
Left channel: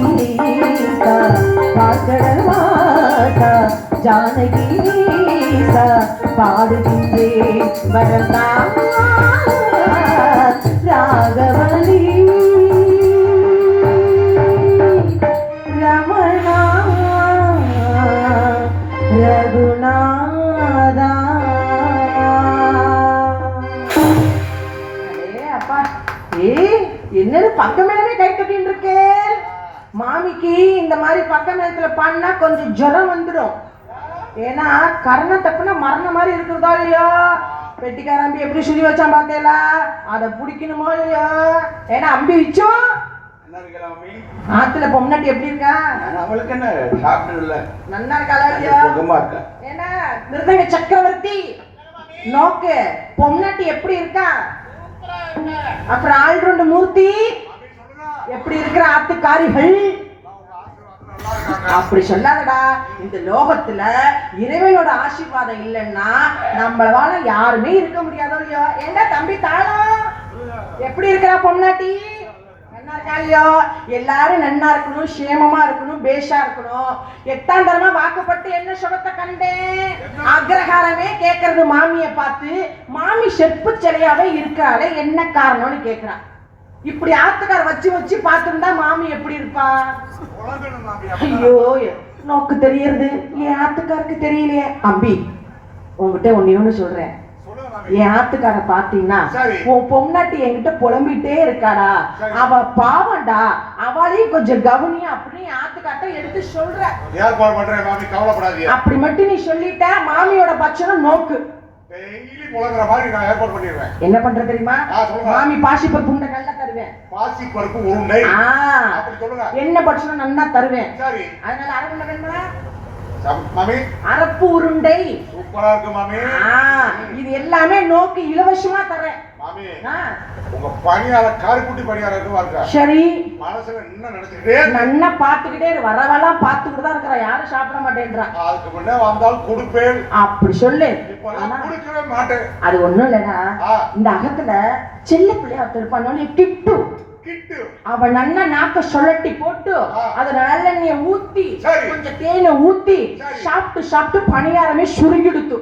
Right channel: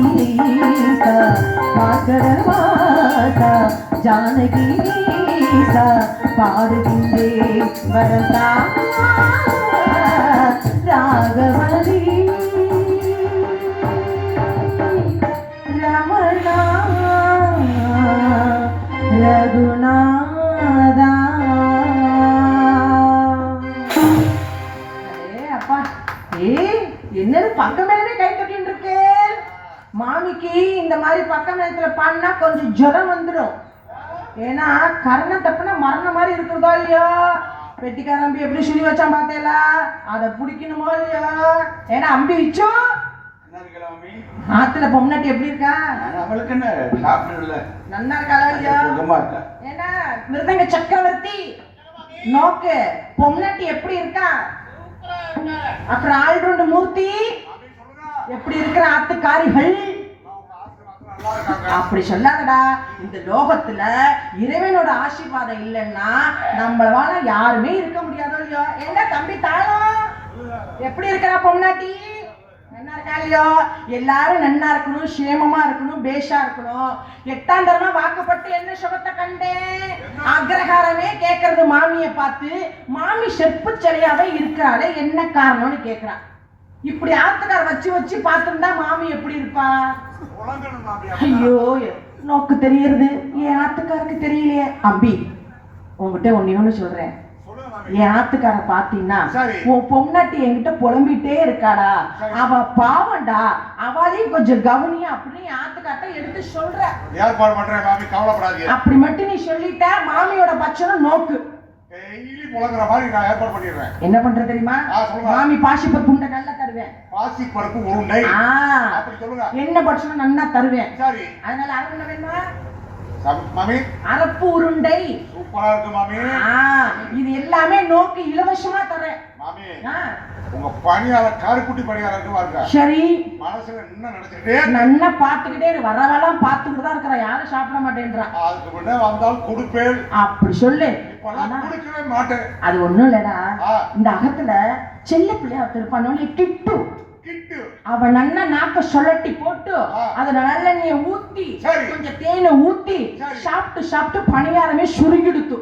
ஈசா வாசகவாசா ஜானகி ஈசா பாடுகின்றேன் வரதா ராகவதி ரமணா ரகுநாதா. அப்பா என்னது பக்கம் மேலவே கை கட்டின்னு இருக்கேன். மாமிக்கு இந்த மாதிரி பக்கம் நேரத்துல பாடினா கொஞ்சம் ஜுரம் வந்துடும். ஏன்னா கர்ணம் தப்புனா மரண மாதிரி இருக்கிறதா இல்லையோ. பெட்டிக்கார அம்பி எப்படி சுரி வச்சான் பார்த்தேல, அதை பிடிக்கணுமோ இல்லையோ. ஏன்னா அம்பி வச்சோம் ஆத்துல பொம்னாட்டி எப்படி இருக்கா? அவளுக்கு என்ன சாப்பிடல நல்லா இருக்காளா இல்லையா? இருக்கா. ஏன்னா மிருதங்க சக்கரவர்த்தி நோக்கு பொம்னாட்டி எப்படி இருக்கா? அப்புறம் ஆல்ரவுண்ட் மூர்த்தி எப்படி இருக்கிற ஆத்துக்காரிகள் அப்படி சொல்லாதடா. இந்த லோகத்துல இறைவனோட ஆசீர்வாதம் இல்லைன்னா நம்மளால யாருமே இருக்க முடியாதோ இல்லையோ. என்ன தம்பி தாளம் எப்படி இருக்கிறா பொம்னாட்டி? நன்னா இருக்கா இல்லையோ? எல்லாரும் நன்னா இருக்கணும், சேமமா இருக்கணும், பேஷா இருக்கணும். 8ஆம் தரமா வாக்குப்பட்டு என்ன சொல்றத கண்டேன். அக்ரஹாரமே கேட்கறது மாமிய பார்த்து, மாமி செப்பு சிலையாவே இருக்கிறாளே என்ன காரணம்னு கேக்குறா. இப்படி ஆத்துக்கார வச்சு வச்சு பார்த்துருந்தா மாமி எப்படி இருப்பா? ஐயோ நோக்கு தெரியறது என் ஆத்துக்காருக்கு தெரியலையே. அம்பி உங்ககிட்ட ஒண்ணு சொல்றேன். என் ஆத்துக்கார பாத்தீங்கன்னா உன் பொம்னாட்டி என்கிட்ட புலம்பிட்டே இருக்காடா, அவ பாவண்டா, அவளையும் கொஞ்சம் கவனி அப்படின்னு ஆத்துக்காட்ட எடுத்து சொல்ற. ஏற்பாடு பண்றேன் மாமி, கவலைப்படாதீங்க. அப்படி மட்டும் நீ சொல்லிட்ட மாமியோட பட்சம் நோக்கு. டெய்லி புலங்குற மாதிரி நான் ஏற்பாடு பண்ணிடுறேன். என்ன பண்ற தெரியுமா? மாமி பாசிப்பருப்பு உண்டை நல்லா தருவேன். பாசிப்பருப்பு உருண்டை அப்படி சொல்லுங்க. என்ன பட்சம் நல்லா தருவேன். சரி, அதனால அரை உண்டை வேணுமா மாமி? அரப்பு உருண்டை சூப்பரா இருக்கு மாமி. இது எல்லாமே நோக்கு இலவசமா தரேன் மாமி. உங்க பணியாளர் காரிக்குட்டி பணியாளருக்கு வாங்க. சரி, மனசுல என்ன நினைச்சுக்கிட்டே நல்லா பாத்துக்கிட்டே வரவெல்லாம் பாத்துக்கிட்டு தான் இருக்கிற. யாரும் சாப்பிட மாட்டேன்றா. அதுக்கு முன்னே வந்தால் கொடுப்பேன் அப்படி சொல்லு. கொடுக்கவே மாட்டேன். அது ஒண்ணும் இல்லடா. இந்த அகத்துல செல்ல பிள்ளையா இருப்பானே கிட்டு, அவன் நல்லா நாக்க சொல்லட்டி போட்டு அதுல நல்லெண்ணெய ஊத்தி கொஞ்சம் தேனை ஊத்தி சாப்பிட்டு சாப்பிட்டு பணியாரமே சுருங்கிடுத்து.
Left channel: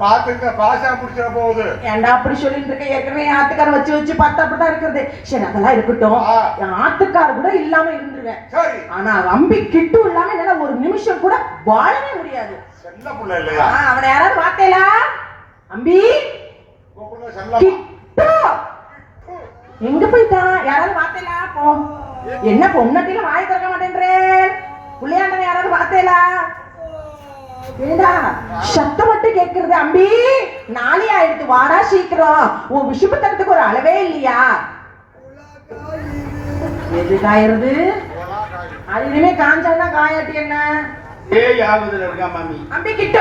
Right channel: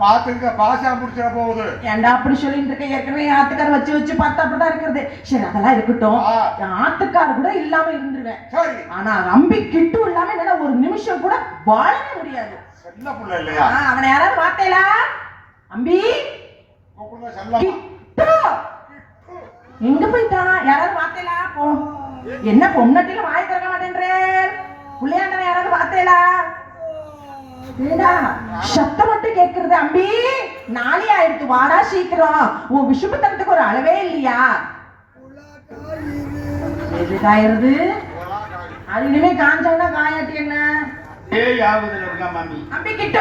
பாத்துக்க பாசா முடிச்சிட போகுது. ஏன்டா அப்படி சொல்லிட்டு இருக்க? ஏற்கனவே ஆத்துக்கார வச்சு வச்சு பார்த்தா அப்படிதான் இருக்கிறது. சரி அதெல்லாம் இருக்கட்டும். ஆத்துக்கார கூட இல்லாம இருந்துருவேன். ஆனா அம்பி கிட்டு இல்லாம என்னால ஒரு நிமிஷம் கூட வாழவே முடியாது. செல்ல புள்ள இல்லையா? அவனை யாராவது பார்த்தேலா? அம்பி கிட்டு எங்க போயிட்டான்? யாராவது பார்த்தேலா? போ. என்ன பொம்னாட்டில வாய் திறக்க மாட்டேன்றேன். புள்ளையாண்டனை யாராவது பார்த்தேலா? சத்தம் மட்டும் கேக்குறது. அம்பி நாளை ஆயிடுத்து, வாடா சீக்கிரம். உன் விஷுபத்தனத்துக்கு ஒரு அளவே இல்லையா? எது காயிருது? அதுலயுமே காஞ்சாதான் காயாட்டி என்ன? இருக்கா மாமி? அம்பி கிட்ட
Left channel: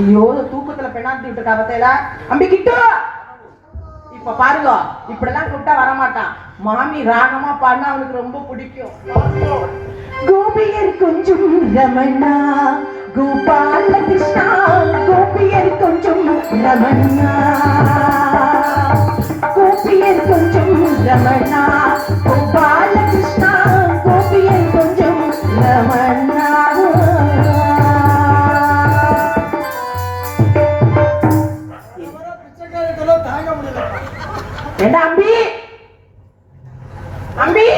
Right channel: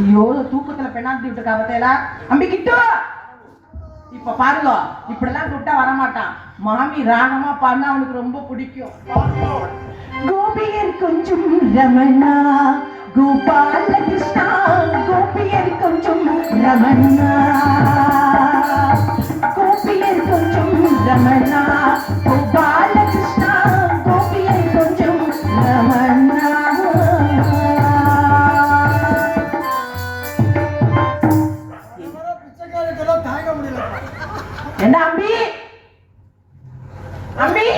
ஐயோ தூக்கத்துல பெண்ணாத்தி விட்டு காபத்தையில. அம்பி கிட்ட இப்ப பாருங்க, இப்படிலாம் கூப்பிட்டா வரமாட்டான். மாமி ராகமா பாடினா அவனுக்கு ரொம்ப பிடிக்கும். கோபியர் கொஞ்சம் ரமணா கோபால கிருஷ்ணா, கோபியர் கொஞ்சம் ரமணா, கோபியர் கொஞ்சம் ரமணா, கோபால கிருஷ்ணா, கோபியர் கொஞ்சம் ரமணா. என்ன அம்பி? அம்பி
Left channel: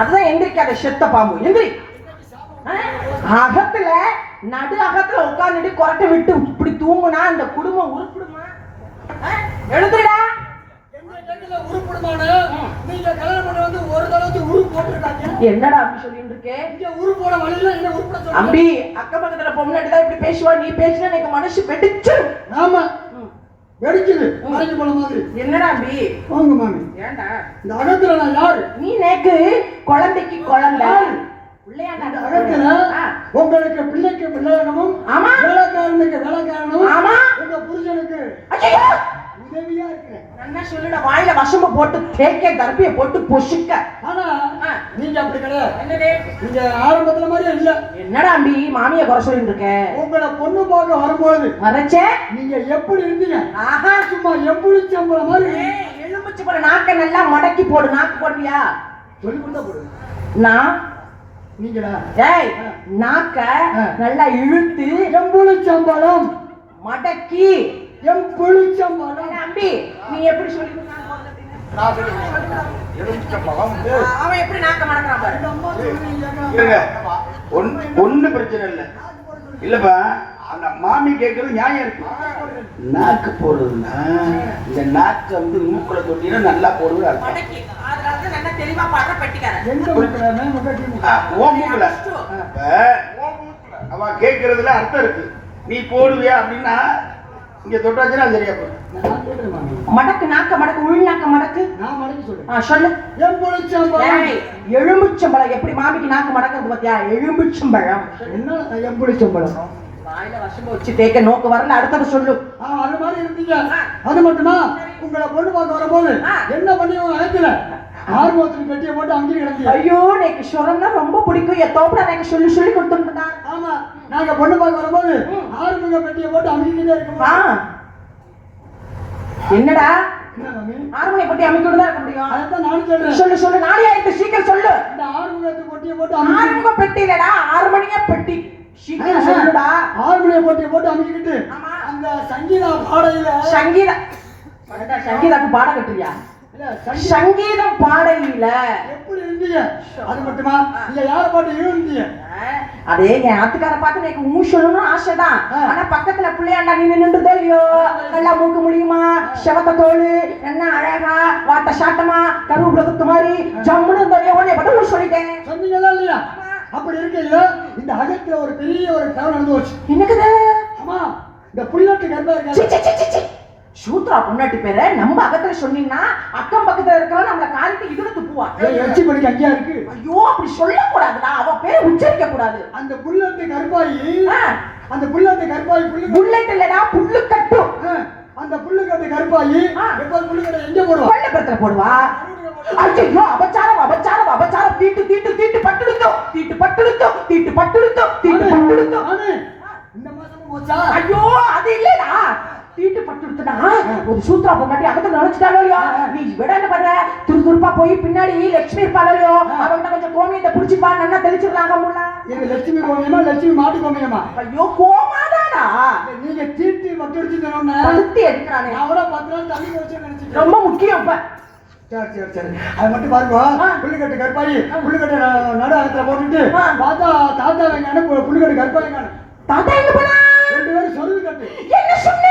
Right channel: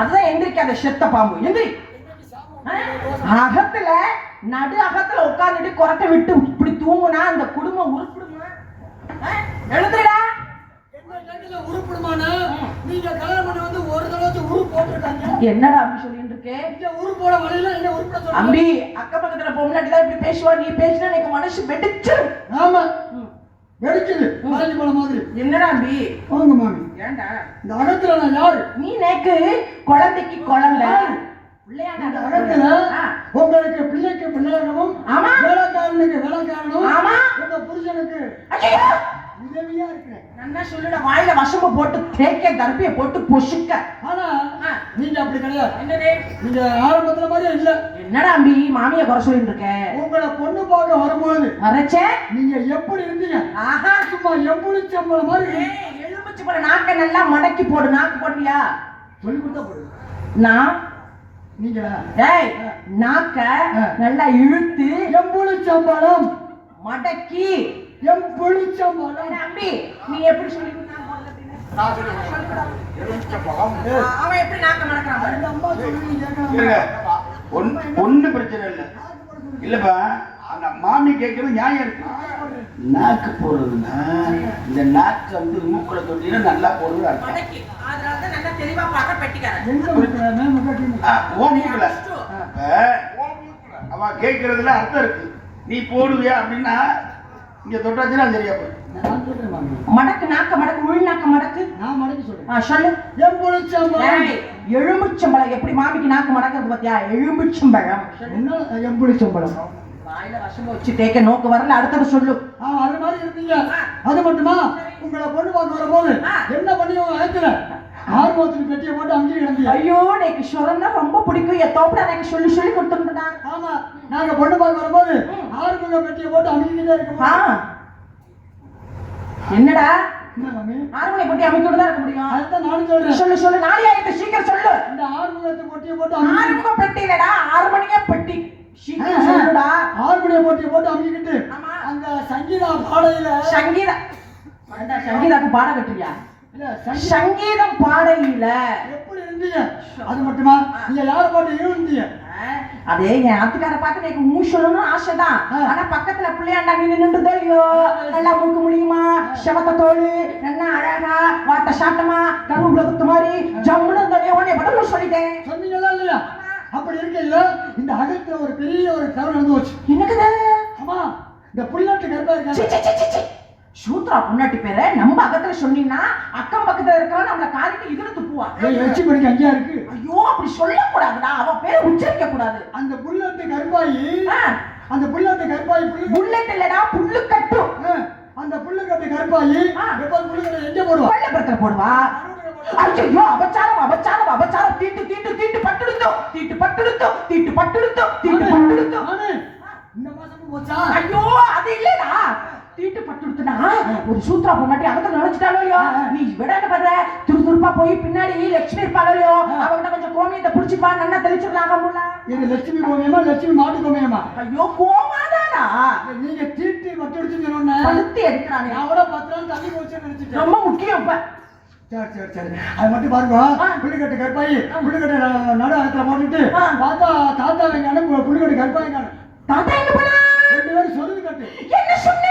அதுதான் எந்திரிக்காத செத்த பாம்பு. எந்திரி. அகத்துல நடு அகத்துல உட்காந்துட்டு கொரட்டை விட்டு இப்படி தூங்குனா அந்த குடும்பம் உருப்பிடுமா? எழுதுடா. உருப்பிடுமான நீங்க கல்யாணம் பண்ண வந்து ஒரு தடவை உருப்பு போட்டுருக்காங்க. என்னடா அப்படி சொல்லிட்டு இருக்கேன்? உருப்போட வழியில என்ன உருப்பட சொல்ற? அம்பி அக்க பக்கத்துல பொம்னாட்டி தான் இப்படி பேசுவா. நீ பேசினா எனக்கு மனசு வெடிச்சிடும். ஆமா வெடிக்குது மறைஞ்சு போன மாதிரி. என்னடா அம்பி? வாங்க மாமி. ஏண்டா இந்த அகத்துல நான் யாரு? நீ நேக்கு குழந்தைக்கு குழந்தை இந்த அகத்துல உங்களுக்கு பிள்ளைக்கு பிள்ளையாகவும் வேலைக்காரனுக்கு வேலைக்காரனும் உங்க புருஷனுக்கு உதவியா இருக்கிறேன். நல்லா சொல்லுடா. வாயில வசம்ப போட்டு தேக்க கருப்பிய போட்டு பொசுக்க. ஆனா நீங்க அப்படி கிடையாது. என்னது நீங்க ஆரம்பத்துல மாதிரியே இல்ல. என்னடா அம்பி மாமியை குறை சொல்லிட்டு இருக்க? உங்களை பொண்ணு பார்க்க வரும்போது மறைச்சே நீங்க எப்படி இருந்தீங்க? ஆஹா சும்மா எப்படி சம்பளம் மாதிரி எலுமிச்சு போற நாக்கை நல்லா மடக்கி போடு. நாக்கு போடுறியா? சொல்லி கொடுத்தா போடுது. நான் நீங்களா? ஏய் நாக்க நல்லா இழுத்து எம்புளி சம்பளம் மடக்கி எம்புளி சம்பளம். அம்பி நீ எப்படி சொல்லி கொடுத்தாங்க போறது அப்படின்னு? அவன் எப்படி நாக்க மடக்கிறான் பாரு. அம்மா சொல்லி கேட்கலாம். இல்லைங்க, ஒண்ணும் பிரச்சனை இல்லை. இல்லப்பா, அந்த மாமி கேட்கறது நியாயம் இருக்கு. நாக்கு போடுறதுன்னா இந்த நாக்கை வந்து மூக்குல கொட்டினா நல்லா போடுறது அர்த்தம். மடக்கி அதனாலதான் நல்லா தெளிவா பாடுற பெட்டிக்காரன். எங்க இருக்கிறானே முகட்டி ஓ மூக்குல அவ கேட்கறதுல அர்த்தம் இருக்கு. நீ போடுவியா அப்படின்னா இங்க தொட்டாச்சுன்னா சரியா போகும். நான் சொல்றேன் மாமி. மடக்கு நாக்க மடக்கு உள் நாக்க மடக்கு. நான் மடக்கி சொல்றேன். சொல்லு. எம்புளி சம்பளம். ஏய் எலும்புச்சம்பழம் எப்படி மாமிக்கு நாக்கு மடக்கிறது பாத்தியா? எலும்புச்சம்பழம். என்ன எம்புளி சம்பளம்? வாயில வசம்ப வச்சு தேக்க நோக்கு வரல. அடுத்தது சொல்லு. அது மாதிரி இருந்தீங்க. அது மட்டுமா உங்களை பொண்ணு பார்க்க வரும்போது என்ன பண்ணியோ அழைக்கல. ஆர்வத்துக்கு பெட்டியை போட்டு அங்கே கிடந்தீங்க. ஐயோ எனக்கு சுரம்னா ரொம்ப பிடிக்கும். எத்தோப்பட எனக்கு சொல்லி சொல்லி கொடுத்துருந்தா. ஆமா, நாங்க பொண்ணு பார்க்க வரும்போது ஆர்வங்க பெட்டியை போட்டு அங்கேயே இருக்க. என்னடா என்ன மாமி? ஆர்வனை பத்தி அமைக்கணும் தான் இருக்க முடியும். அதான் நானும் சொல்றேன். சொல்லு சொல்லு. நாளை ஆயிடுச்சு சீக்கிரம் சொல்லு. இந்த ஆர்வங்கத்து பொட்டியை போட்டு ஆறுமுக பெட்டி இல்லடா 6 மணியா பெட்டி. சீக்கிரம் சொல்லுடா. ஆர்வணிய பொட்டியை போட்டு அமுக்கிட்டு ஆமா. அந்த சங்கீதா பாடையில சங்கீதா சங்கீதாக்கு பாட கட்டுறியா? இல்ல சங்கீதம் பாடையில எப்படி இருந்தீங்க? அது மட்டுமா நீங்க யார் பாட்டு இருந்தீங்க? அதே என் ஆத்துக்கார பார்த்து எனக்கு மூ சொல்லணும்னு ஆசைதான். ஆனா பக்கத்துல பிள்ளையாண்டா நீ நின்றுதோ இல்லையோ? நல்லா மூக்க முடியுமா? செவத்த தோல் என்ன அழகா வாட்ட சாட்டமா கருவேப்பிலை குத்து மாதிரி ஜம்முன்னு உடனே பதில் சொல்லிட்டேன். சொன்னீங்களா இல்லையா? அப்படி இருக்கையில இந்த அகத்துல ஒரு பெரிய ஒரு தவறு நடந்து போச்சு. என்னக்குது? ஆமா, இந்த புள்ளட்டு கர்ப்பா இருக்காங்க. சூத்ரா பொண்ணாட்டி பேரை நம்ம அகத்துல சொன்னீங்கன்னா அக்கம் பக்கத்துல இருக்கலாம் நம்மள காரிட்டு இதுல துப்புவா. எச்சி பண்ணிக்கு அங்கேயா இருக்கு. ஐயோ அப்படி சொல்லக்கூடாதுடா. அவ பேரை உச்சரிக்க கூடாது. அந்த புள்ளட்டு கர்ப்பாயி அந்த புள்ளட்டு கர்ப்பாயி புல்லட் இல்லடா புல்லு கட்டு. அந்த புள்ளுக்கட்டு கர்ப்பாயி எப்போது புள்ளுக்கட்டை எங்க போடுவா? பள்ளப்பத்துல போடுவா. ஐயோ அபச்சாரம் அபச்சாரம் அபச்சாரம். தீட்டு தீட்டு தீட்டு பட்டுடுத்தோ தீட்டு பட்டுடுத்தோ தீட்டு பட்டுடுத்தோ தீட்டு பட்டுடுத்தோ. இந்த மாசமும் போச்சா? ஐயோ அது இல்லடா. தீட்டு பட்டுடுத்துனா ஒரு சூத்ரா பொண்ணாட்டி அகத்த நினைச்சிட்டாலோ நீ விட என்ன பண்ற? துருதுருப்பா போய் பின்னாடி லட்சுமி இருப்பாளோ அவங்க கொஞ்சம் கோமியத்தை புடிச்சுப்பா நல்லா தெளிச்சிருக்காங்க முன்ன. இது லட்சுமி கோமியமா லட்சுமி மாட்டு கோமியமா? ஐயோ கோமாதானா? நீங்க தீட்டி மட்டும் சொன்ன கழுத்தி எடுக்கிறானே அவட 10 நாள் தண்ணி போச்சு நினைச்சிட்டு. ரொம்ப முக்கியம் இப்ப. சரி அது மட்டும் பாருங்க. புள்ளிக்கட்டு கற்பாயி புள்ளிக்கட்டை நடு அகத்துல போட்டுட்டு பார்த்தா தாத்தா வெங்கான புள்ளிக்கட்டு கற்பாயி காணும். தாத்தா என்ன பண்ணா? 2 பேரும் சொருது கட்டு. என்ன சொன்னே?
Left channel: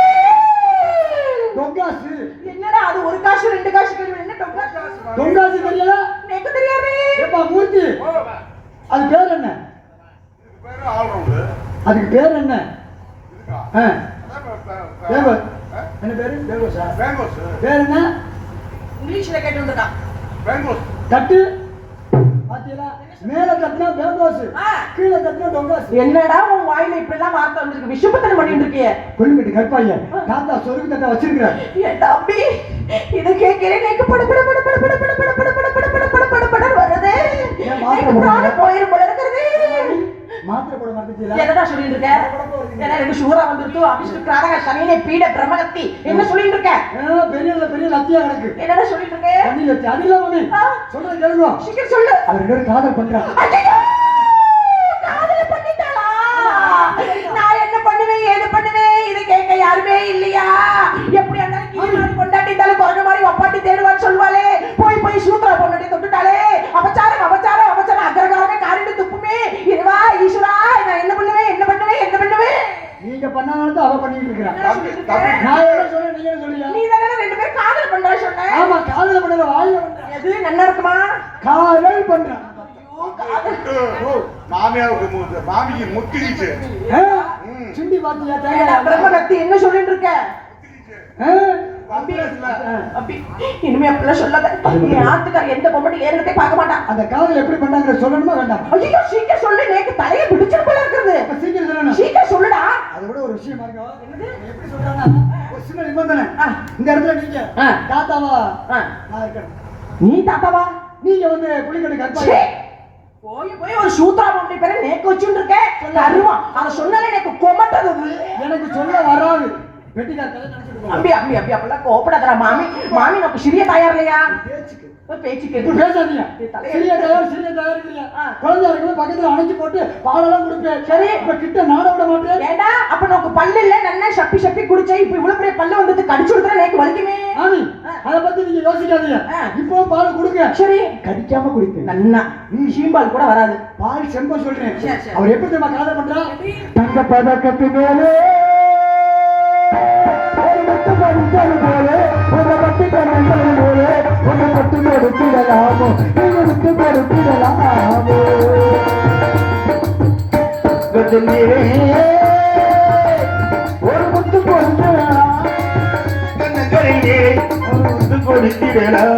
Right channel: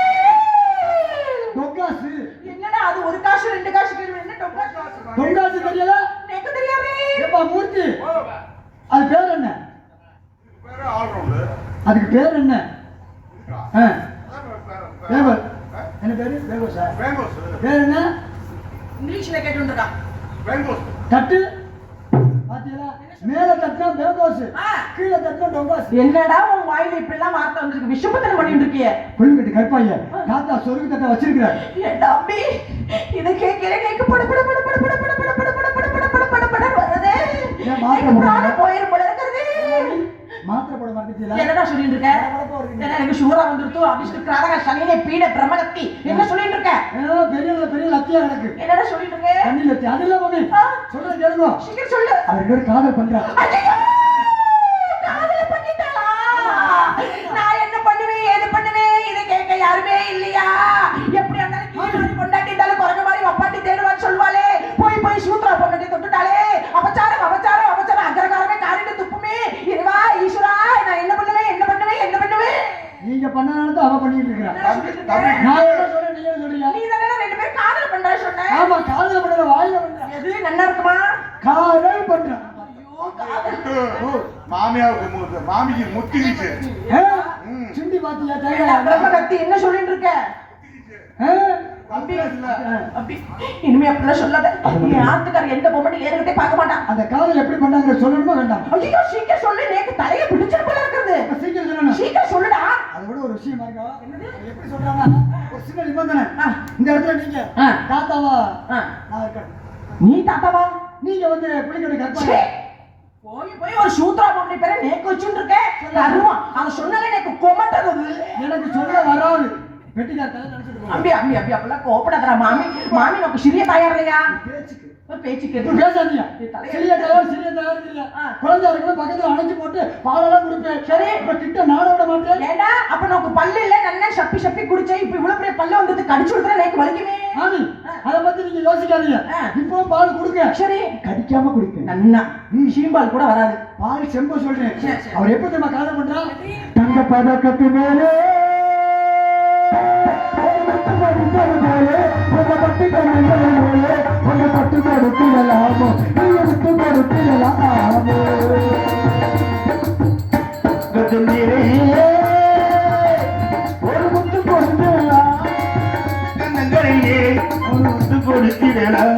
டொங்காசு. என்னடா அது ஒரு காசு 2 காசு கேள்வி என்ன டொங்காசு? டொங்காசு தெரியல? எனக்கு தெரியாது. ஏப்பா மூர்த்தி அது பேர் என்ன? அதுக்கு பேர் என்ன? என்ன பேரு? பேர் என்ன? இங்கிலீஷ்ல கேட்டு வந்திருக்கான். தட்டு பாத்தீங்களா? மேல தட்டுனா பேங்கோஸ், கீழே தட்டுனா டொங்காஸ். என்னடா உன் வாயில இப்படி எல்லாம் வார்த்தை வந்திருக்கு? விஷுபத்தனம் பண்ணிட்டு இருக்கியே. புள்ளிக்கட்டு கற்பாய தாத்தா சொருக்கு தட்டை வச்சிருக்கிறார். என் தம்பி இத கேட்கிறேன் எனக்கு பட பட பட பட பட பட பட பட பட பட பட பட பட பட வருதே. எனக்கு போயிரும் போல இருக்குது. மாத்திரை போட மாட்டீங்களா? என்னடா சொல்லிட்டு இருக்க? என்ன எனக்கு சுகரா வந்துருச்சு அபிஷ்டு கிராதக சனினே பீட பிரமலத்தி என்ன சொல்லிட்டு இருக்க? பெரிய லத்தியா கிடக்கு. என்னடா சொல்லிட்டு இருக்க? தண்ணி லத்தி அது இல்ல மாமி. சொல்ல கேளுங்க. சீக்கிரம் சொல்லு. அவர் 2 பேரும் காதல் பண்றாங்க. காதல் பண்ணிட்டாளா? நான் என்ன பண்ணுவேன் ஏது பண்ணுவேன் இத கேட்க யாருமே இல்லையா? எப்படி அந்த கீழ் கொண்டாட்டி தல குறங்க மாதிரி ஒப்பாட்டி தேடுவான்னு சொல்வாளே. போய் போய் சூத்ரா பொண்ணாட்டி தொட்டுட்டாளே. அபச்சாரம் அபச்சாரம் அபச்சாரம் அக்ரகாரமே காரிட்டு துப்புமே. இதுவா ஈஸ்வரா நான் என்ன பண்ணுவேன் என்ன பண்ணுவேன் என்ன பண்ணுவேன்? நீங்க பண்ணனால தான் அவ பண்ணிட்டு இருக்கறா. நான் என்ன சொல்றேன் நீங்க என்ன சொல்றீங்க? நீ தான 2 பேரும் காதல் பண்றா சொன்ன. ஆமா காதல் பண்ற வாயில வந்தா. எது நல்லா இருக்குமா? காதல் பண்றா. மாமிக்கு முத்திருச்சு. சிண்டி பாத்தியா தேங்க பிரம்மகத்தி என்ன சொல்லிட்டு இருக்க? அபி இனிமே அப்படி சொல்லாத. நீ ஆத்துக்கார எந்த பொம்பளை ஏறதே பார்க்க மாட்டான். அந்த காதல் எப்படி பண்ணாங்க சொல்லணுமா வேண்டாம்? ஐயோ சீக்கிரம் சொல்லு. நேக்கு தலைய பிடிச்சிரு போல இருக்குது. சீக்கிரம் சொல்லணும். சீக்கிரம் சொல்லுடா. அதை விட ஒரு விஷயம் பாருங்க. எப்படி சொல்றானா ஒரு சின்ன நிபந்தனை. இந்த இடத்துல நீங்க தாத்தாவா நான் இருக்கேன். நீ தாத்தாவா? நீங்க வந்து புளிக்கட்டு ச்சே! கற்பனை போய் போய் ஒரு சூத்ரா பொம்பளை பேரை நேக்கு வச்சுட்டு இருக்க கருமா அதை சொன்னாலே எனக்கு கொமட்டது எனக்கு சொல்ல வராது வெட்டிக்கார கதை நினைச்சிட்டு இருக்கேன். அம்பி அம்பி அம்பி அப்பெல்லாம் கோபப்படாதடா மாமி மாமி நமக்கு சிறிய தாயார் இல்லையா பேச்சுக்கு ஒரு பேச்சுக்கு இப்ப பேசாதீங்க தலையை சிறிய தயார் இல்லையா ஆ. குழந்தை இருக்கும்போது பக்கத்துல அணைச்சு போட்டு பாலெல்லாம் குடிப்பேன் சரி. இப்ப கிட்ட நாட விட மாட்டேன் ஏண்டா அப்ப நமக்கு பல்லு இல்ல நல்லா சப்பி சப்பி குடிச்சே இப்ப இவ்வளவு பெரிய பல்லு வந்து கடிச்சு விடுறா எனக்கு வலிக்குமே மாமி அதை பத்தி நீங்க யோசிக்காதீங்க ஆ. இப்போ பால் கொடுங்க சரி கடிக்காம குடிப்பேன் நன்னா சீம்பால் கூட வராது பால் செம்ப சொல்றேன் சரி, சரி. அவர் எப்படி தெரியுமா காதல் பண்றா எப்படி? தங்க பதக்கத்து மேலே கண்ணங்களிலே ஒரு முத்து கொடுத்திடலாம்